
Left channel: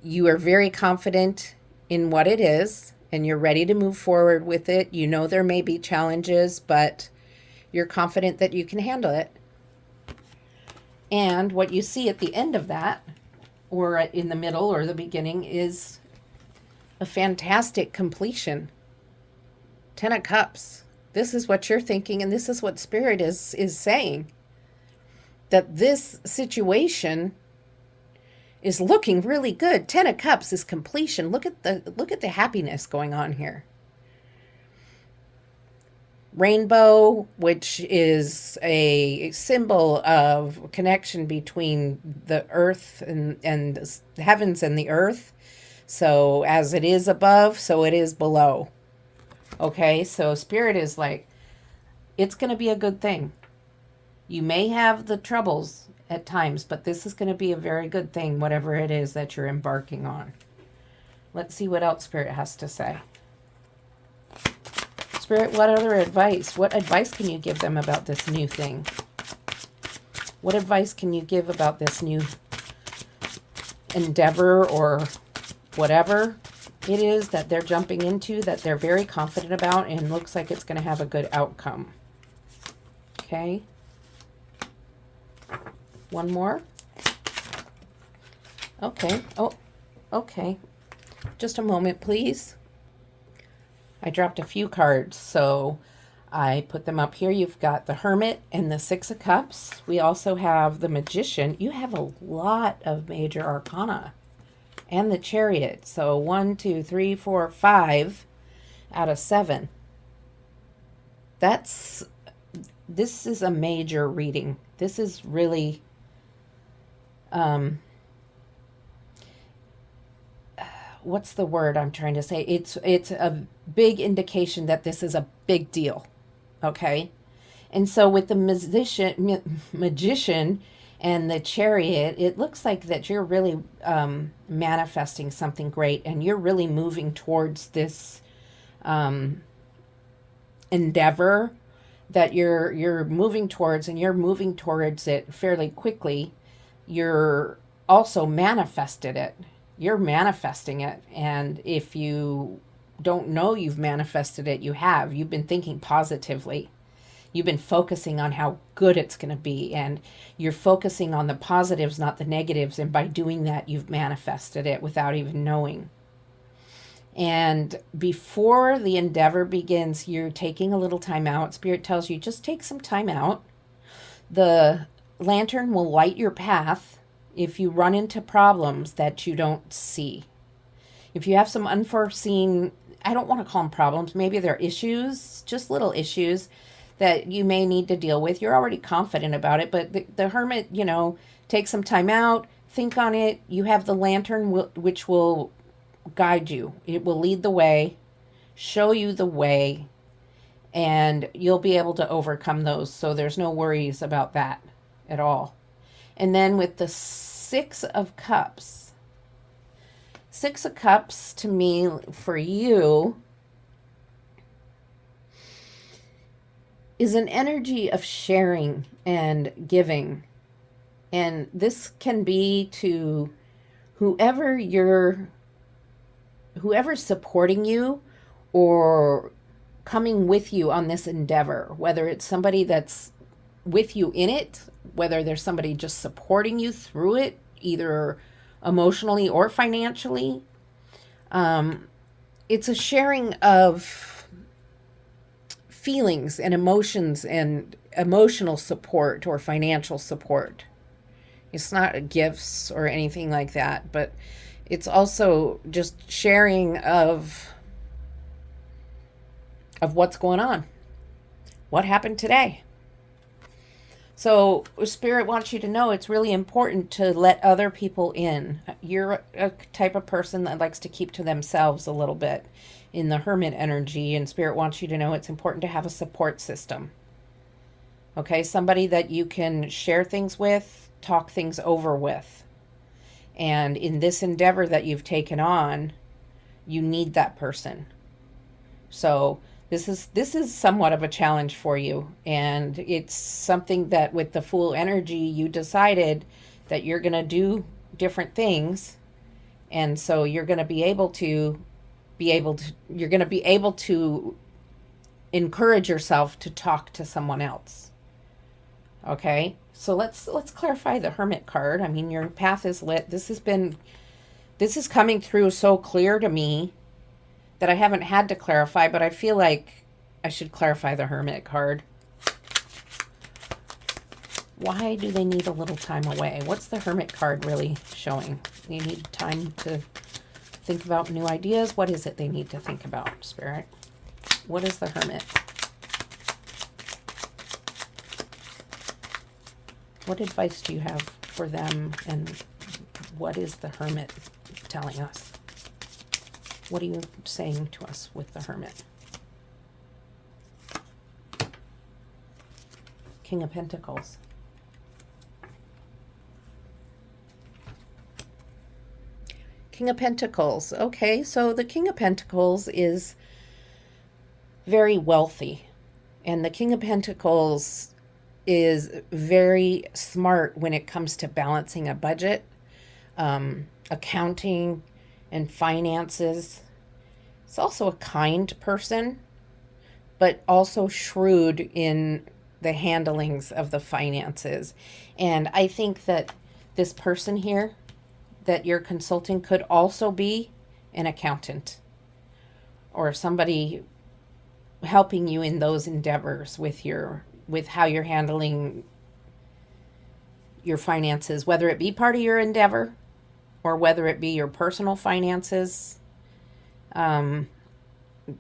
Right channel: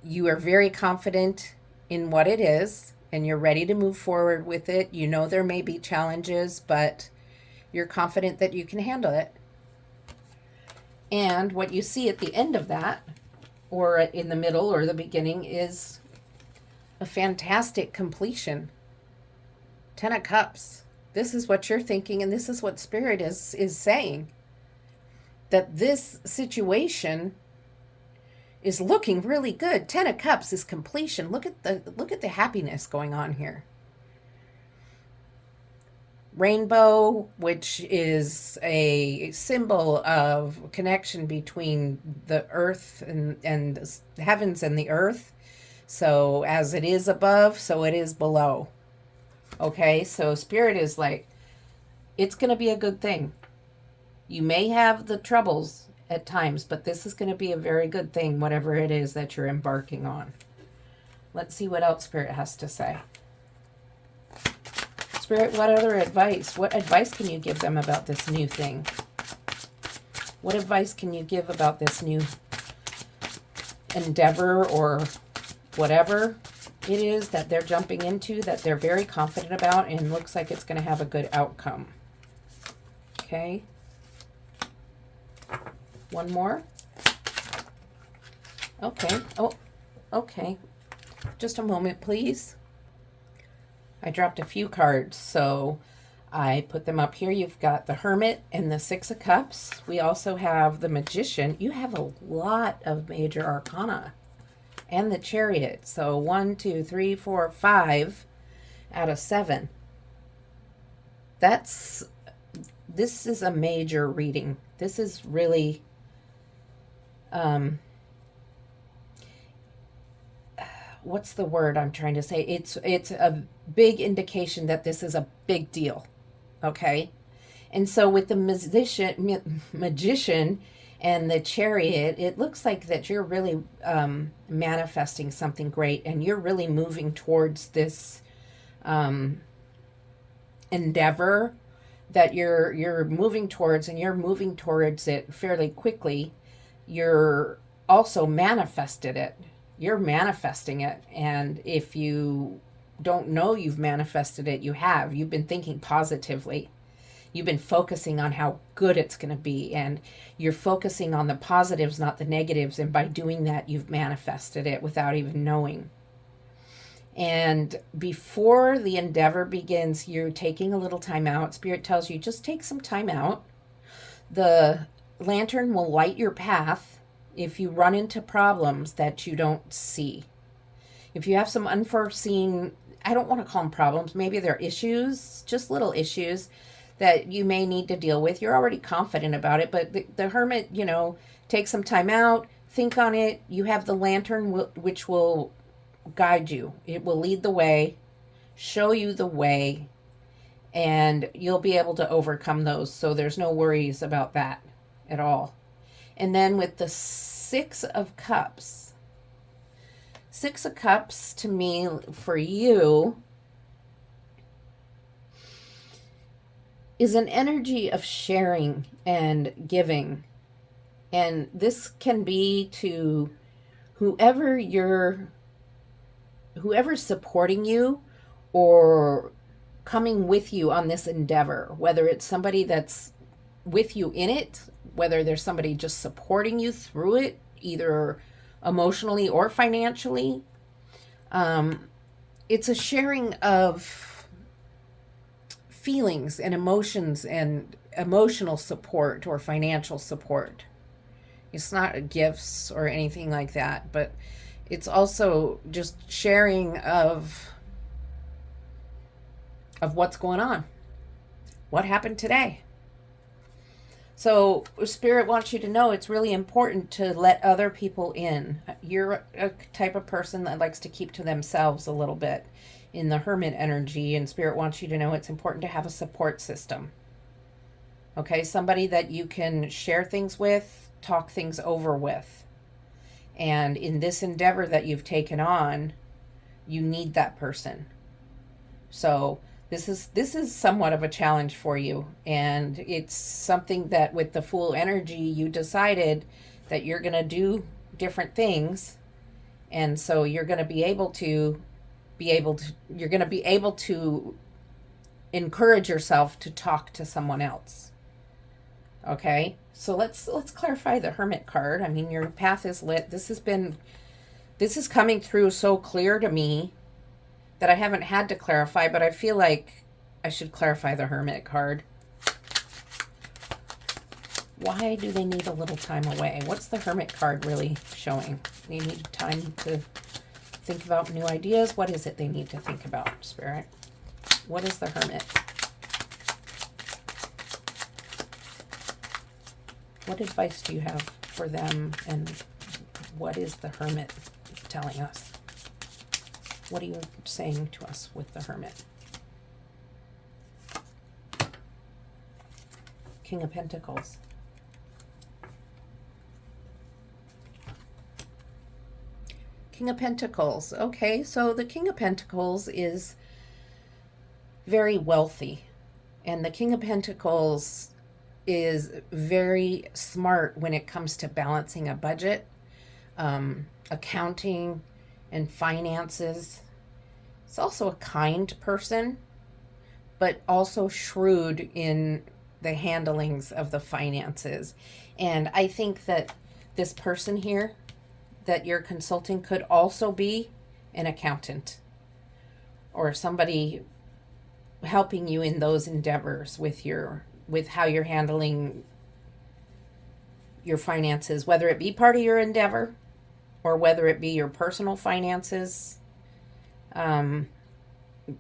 you are very confident in what it is and you're ready to move forward with it. You know there may be challenges, but you're confident that you can handle it. And what you see at the end of that, or in the middle or the beginning, is a fantastic completion. 10 of Cups. This is what you're thinking, and this is what Spirit is saying. That this situation is looking really good. 10 of Cups is completion. Look at the happiness going on here. Rainbow, which is a symbol of connection between the earth and the heavens and the earth. So as it is above, so it is below. Okay, so Spirit is like, it's going to be a good thing. You may have the troubles at times, but this is going to be a very good thing, whatever it is that you're embarking on. Let's see what else Spirit has to say. Spirit, what other advice? What advice can you give them about this new thing? What advice can you give about this new endeavor or whatever it is that they're jumping into, that they're very confident about and looks like it's going to have a good outcome? Okay. One more. Okay. Oh, okay. Just a moment, please. I dropped a few cards, so I put them up here. You've got the Hermit and the Six of Cups. We also have the Magician. You have a lot of major arcana. And the Chariot. So 1, 2, 3, 4, 5 out of 7. This is a major reading. This is really what's the word I'm trying to say? It's a big indication that this is a big deal. Okay? And so with the magician and the Chariot, it looks like that you're really manifesting something great, and you're really moving towards this endeavor that you're moving towards, and you're moving towards it fairly quickly. You're also manifested it. You're manifesting it, and if you don't know you've manifested it, you have. You've been thinking positively. You've been focusing on how good it's going to be, and you're focusing on the positives, not the negatives. And by doing that, you've manifested it without even knowing. And before the endeavor begins, you're taking a little time out. Spirit tells you, just take some time out. The lantern will light your path if you run into problems that you don't see. If you have some unforeseen, I don't want to call them problems, maybe they're issues, just little issues that you may need to deal with. You're already confident about it, but the Hermit, take some time out, think on it. You have the lantern, which will guide you. It will lead the way, show you the way, and you'll be able to overcome those. So there's no worries about that at all. And then with the Six of Cups. Six of Cups, to me, for you, is an energy of sharing and giving. And this can be to whoever's supporting you or coming with you on this endeavor, whether it's somebody that's with you in it, whether there's somebody just supporting you through it, either emotionally or financially. It's a sharing of feelings and emotions and emotional support or financial support. It's not gifts or anything like that, but it's also just sharing of what's going on. What happened today? So Spirit wants you to know it's really important to let other people in. You're a type of person that likes to keep to themselves a little bit in the hermit energy, and Spirit wants you to know it's important to have a support system. Okay, somebody that you can share things with, talk things over with. And in this endeavor that you've taken on, you need that person. So this is somewhat of a challenge for you, and it's something that with the Fool energy you decided that you're going to do different things, and so you're going to be able to encourage yourself to talk to someone else. Okay, so let's clarify the Hermit card. I mean, your path is lit. This is coming through so clear to me that I haven't had to clarify, but I feel like I should clarify the Hermit card. Why do they need a little time away? What's the Hermit card really showing? They need time to think about new ideas. What is it they need to think about, Spirit? What is the Hermit? What advice do you have for them, and what is the Hermit telling us? What are you saying to us with the Hermit? King of Pentacles. King of Pentacles. Okay, so the King of Pentacles is very wealthy. And the King of Pentacles is very smart when it comes to balancing a budget, accounting, and finances. It's also a kind person, but also shrewd in the handlings of the finances. And I think that this person here that you're consulting could also be an accountant or somebody helping you in those endeavors with how you're handling your finances, whether it be part of your endeavor or whether it be your personal finances. The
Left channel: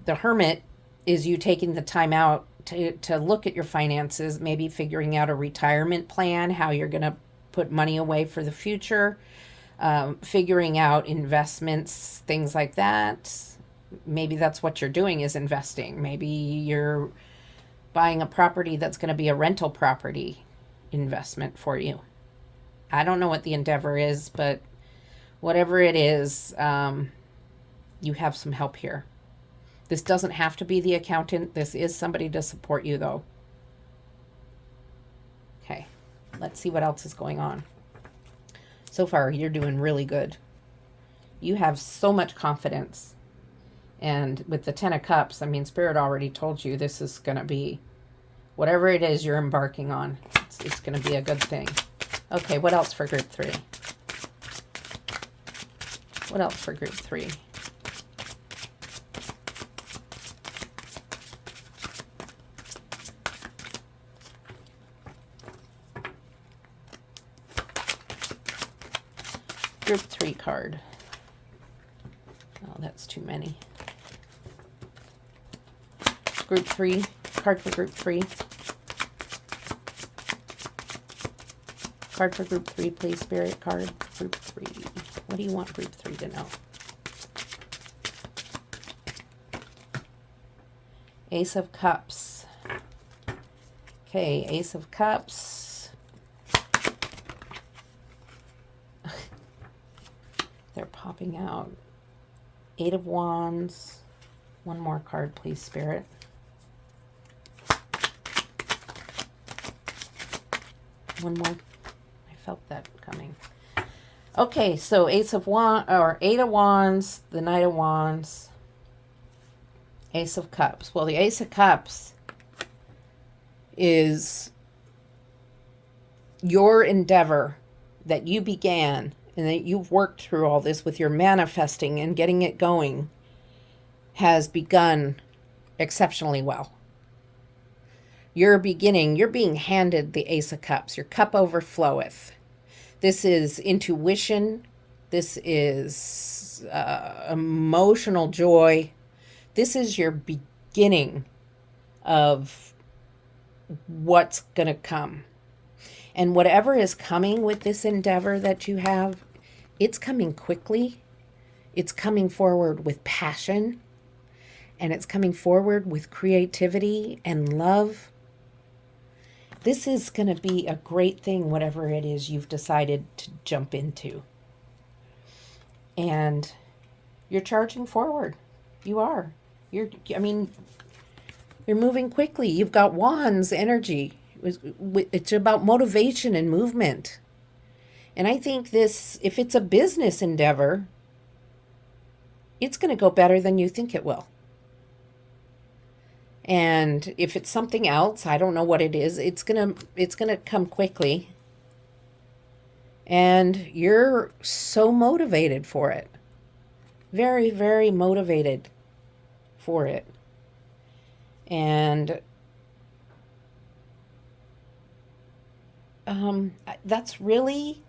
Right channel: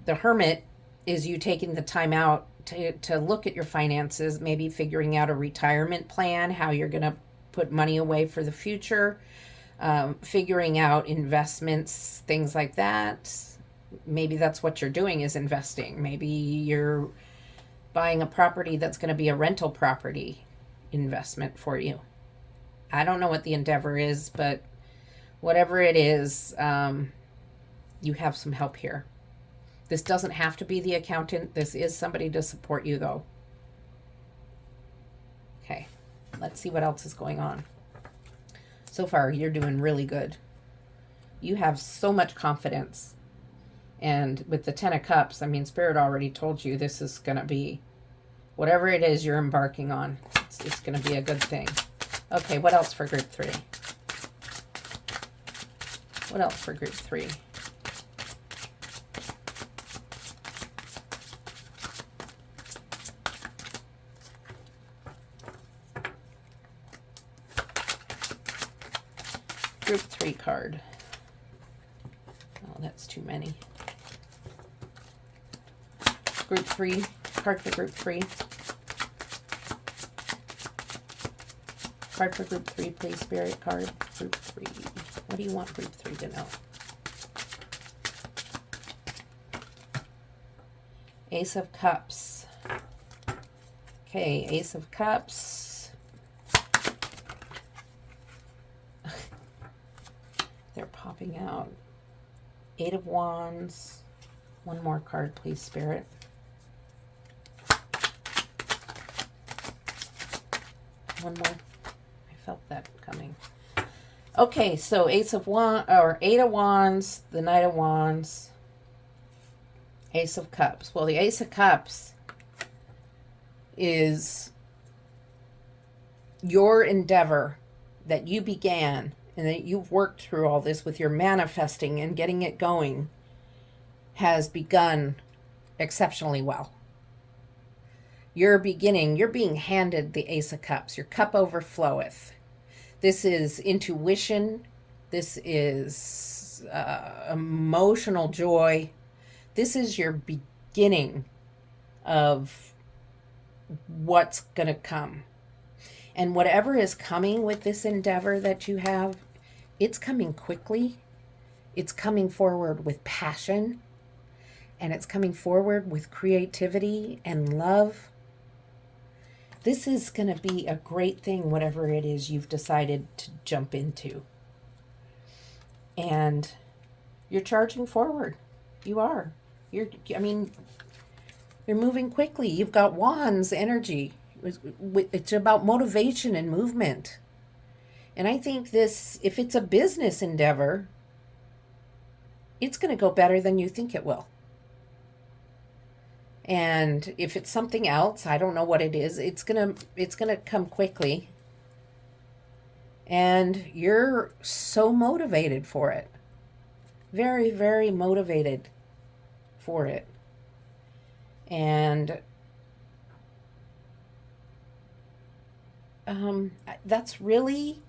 Hermit is you taking the time out to look at your finances, maybe figuring out a retirement plan, how you're going to put money away for the future, figuring out investments, things like that. Maybe that's what you're doing, is investing. Maybe you're buying a property that's going to be a rental property investment for you. I don't know what the endeavor is, but whatever it is, you have some help here. This doesn't have to be the accountant. This is somebody to support you, though. Okay, let's see what else is going on. So far, you're doing really good. You have so much confidence. And with the Ten of Cups, I mean, Spirit already told you this is going to be, whatever it is you're embarking on, it's going to be a good thing. Okay, what else for group 3? What else for group 3? Group 3 card. Oh, that's too many. Group 3, card for group 3. Card for group 3, please, Spirit. Card, group 3. What do you want group 3 to know? Ace of Cups. Okay, Ace of Cups. They're popping out. 8 of Wands. One more card, please, Spirit. One more. I felt that coming. Okay, so Ace of Wands, or 8 of Wands, the Knight of Wands, Ace of Cups. Well, the Ace of Cups is your endeavor that you began and that you've worked through all this with your manifesting and getting it going has begun exceptionally well. You're beginning, you're being handed the Ace of Cups. Your cup overfloweth. This is intuition. This is emotional joy. This is your beginning of what's going to come. And whatever is coming with this endeavor that you have, it's coming quickly. It's coming forward with passion. And it's coming forward with creativity and love. This is going to be a great thing, whatever it is you've decided to jump into. And you're charging forward. You are. You're moving quickly. You've got wands energy. It's about motivation and movement. And I think this, if it's a business endeavor, it's going to go better than you think it will. And if it's something else, I don't know what it is, it's gonna come quickly. And you're so motivated for it. Very, very motivated for it. And that's really,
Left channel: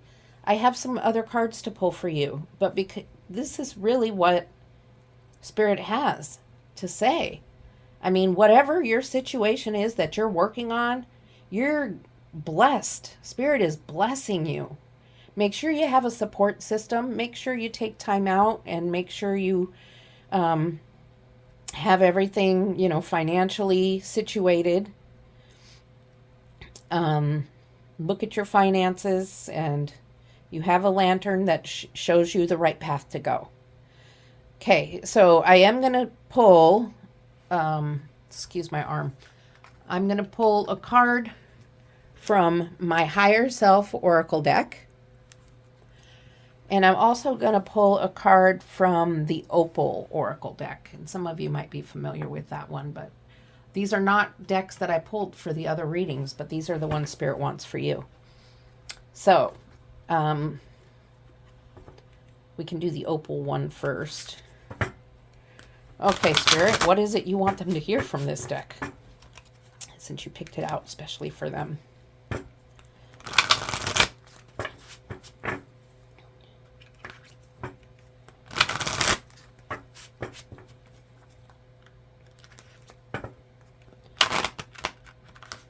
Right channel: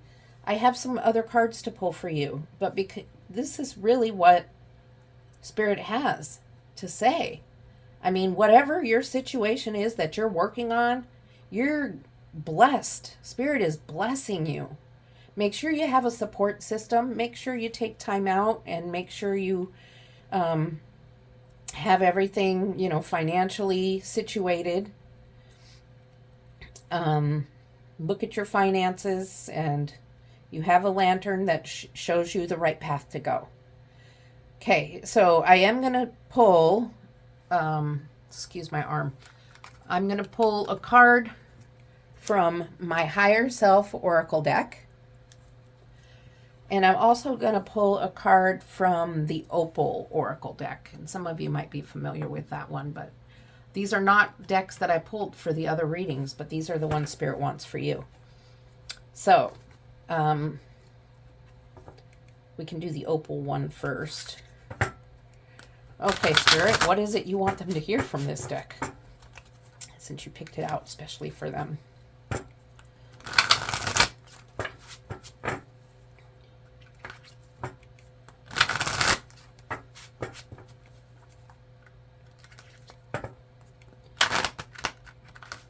I have some other cards to pull for you, but because this is really what Spirit has to say. I mean, whatever your situation is that you're working on, you're blessed. Spirit is blessing you. Make sure you have a support system. Make sure you take time out and make sure you have everything, financially situated. Look at your finances, and you have a lantern that shows you the right path to go. Okay, so I am going to pull... excuse my arm. I'm going to pull a card from my Higher Self Oracle deck. And I'm also going to pull a card from the Opal Oracle deck. And some of you might be familiar with that one, but these are not decks that I pulled for the other readings, but these are the ones Spirit wants for you. So, we can do the Opal one first. Okay, Spirit, what is it you want them to hear from this deck? Since you picked it out especially for them.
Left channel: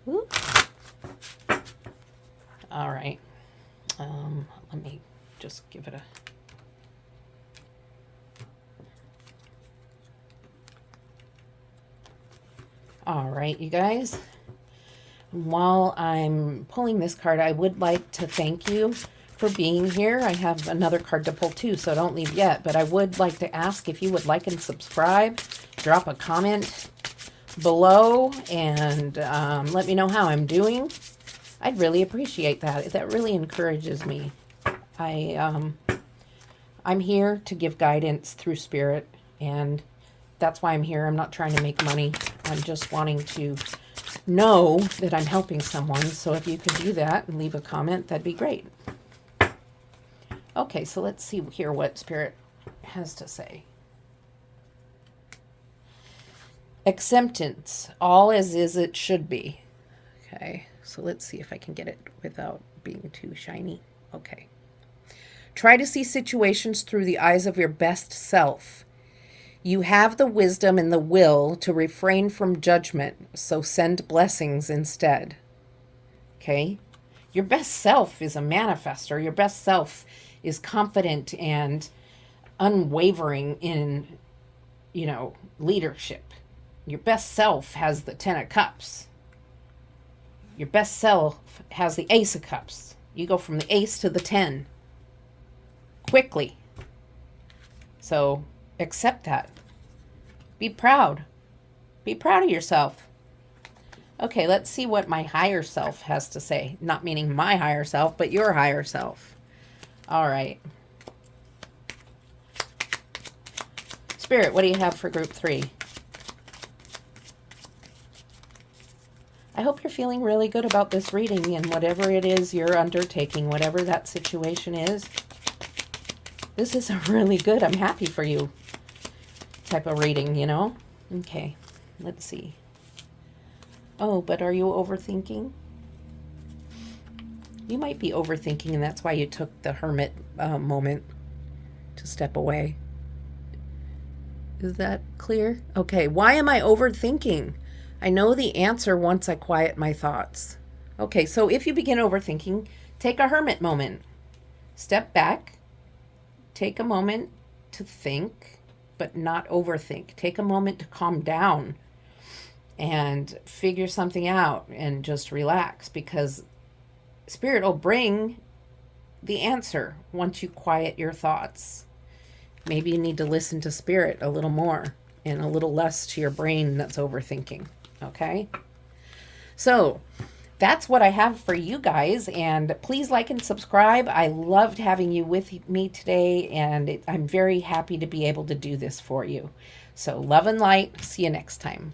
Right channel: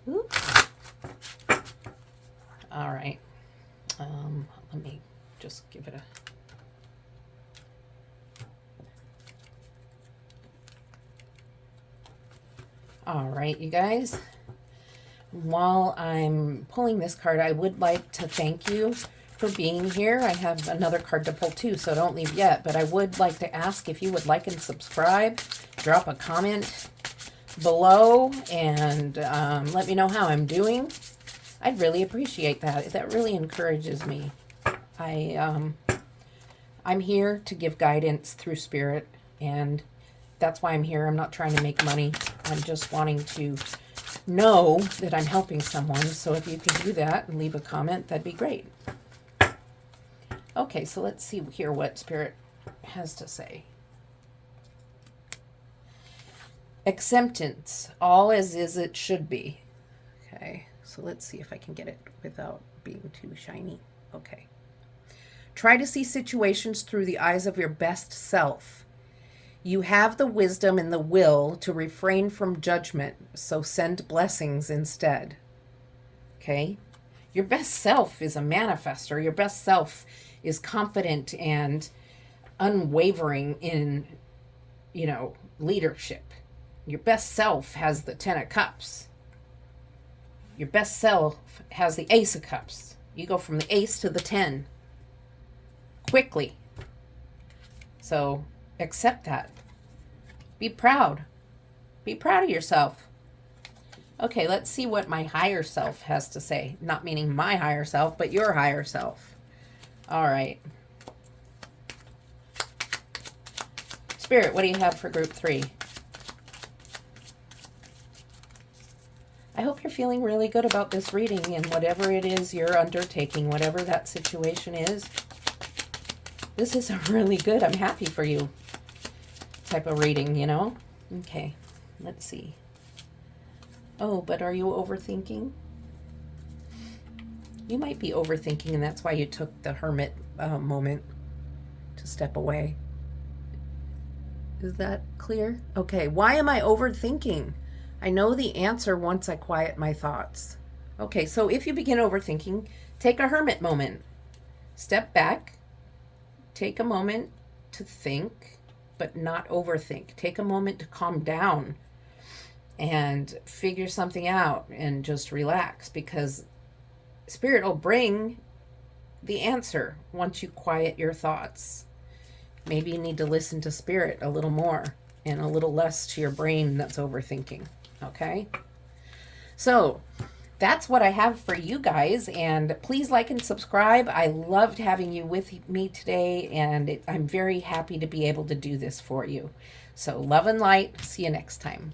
Ooh. All right. Let me just give it a... All right, you guys, while I'm pulling this card, I would like to thank you for being here. I have another card to pull too, so don't leave yet, but I would like to ask if you would like and subscribe, drop a comment below, and let me know how I'm doing. I'd really appreciate that. That really encourages me. I'm here to give guidance through Spirit, and that's why I'm here. I'm not trying to make money. I'm just wanting to know that I'm helping someone. So if you could do that and leave a comment, that'd be great. Okay, so let's see here what Spirit has to say. Acceptance, all as is it should be. Okay, so let's see if I can get it without being too shiny. Okay. Try to see situations through the eyes of your best self. You have the wisdom and the will to refrain from judgment, so send blessings instead. Okay? Your best self is a manifester. Your best self is confident and unwavering in, leadership. Your best self has the 10 of Cups. Your best self has the Ace of Cups. You go from the Ace to the 10 quickly. So accept that. Be proud. Be proud of yourself. Okay, let's see what my higher self has to say. Not meaning my higher self, but your higher self. All right. Spirit, what do you have for group 3? I hope you're feeling really good about this reading and whatever it is you're undertaking, whatever that situation is. This is a really good, I'm happy for you type of reading, Okay, let's see. Oh, but are you overthinking? You might be overthinking, and that's why you took the hermit moment to step away. Is that clear? Okay, why am I overthinking? I know the answer once I quiet my thoughts. Okay, so if you begin overthinking, take a hermit moment. Step back, take a moment to think, but not overthink. Take a moment to calm down and figure something out and just relax, because Spirit will bring the answer once you quiet your thoughts. Maybe you need to listen to Spirit a little more and a little less to your brain that's overthinking. Okay? So that's what I have for you guys. And please like and subscribe. I loved having you with me today, and I'm very happy to be able to do this for you. So love and light. See you next time.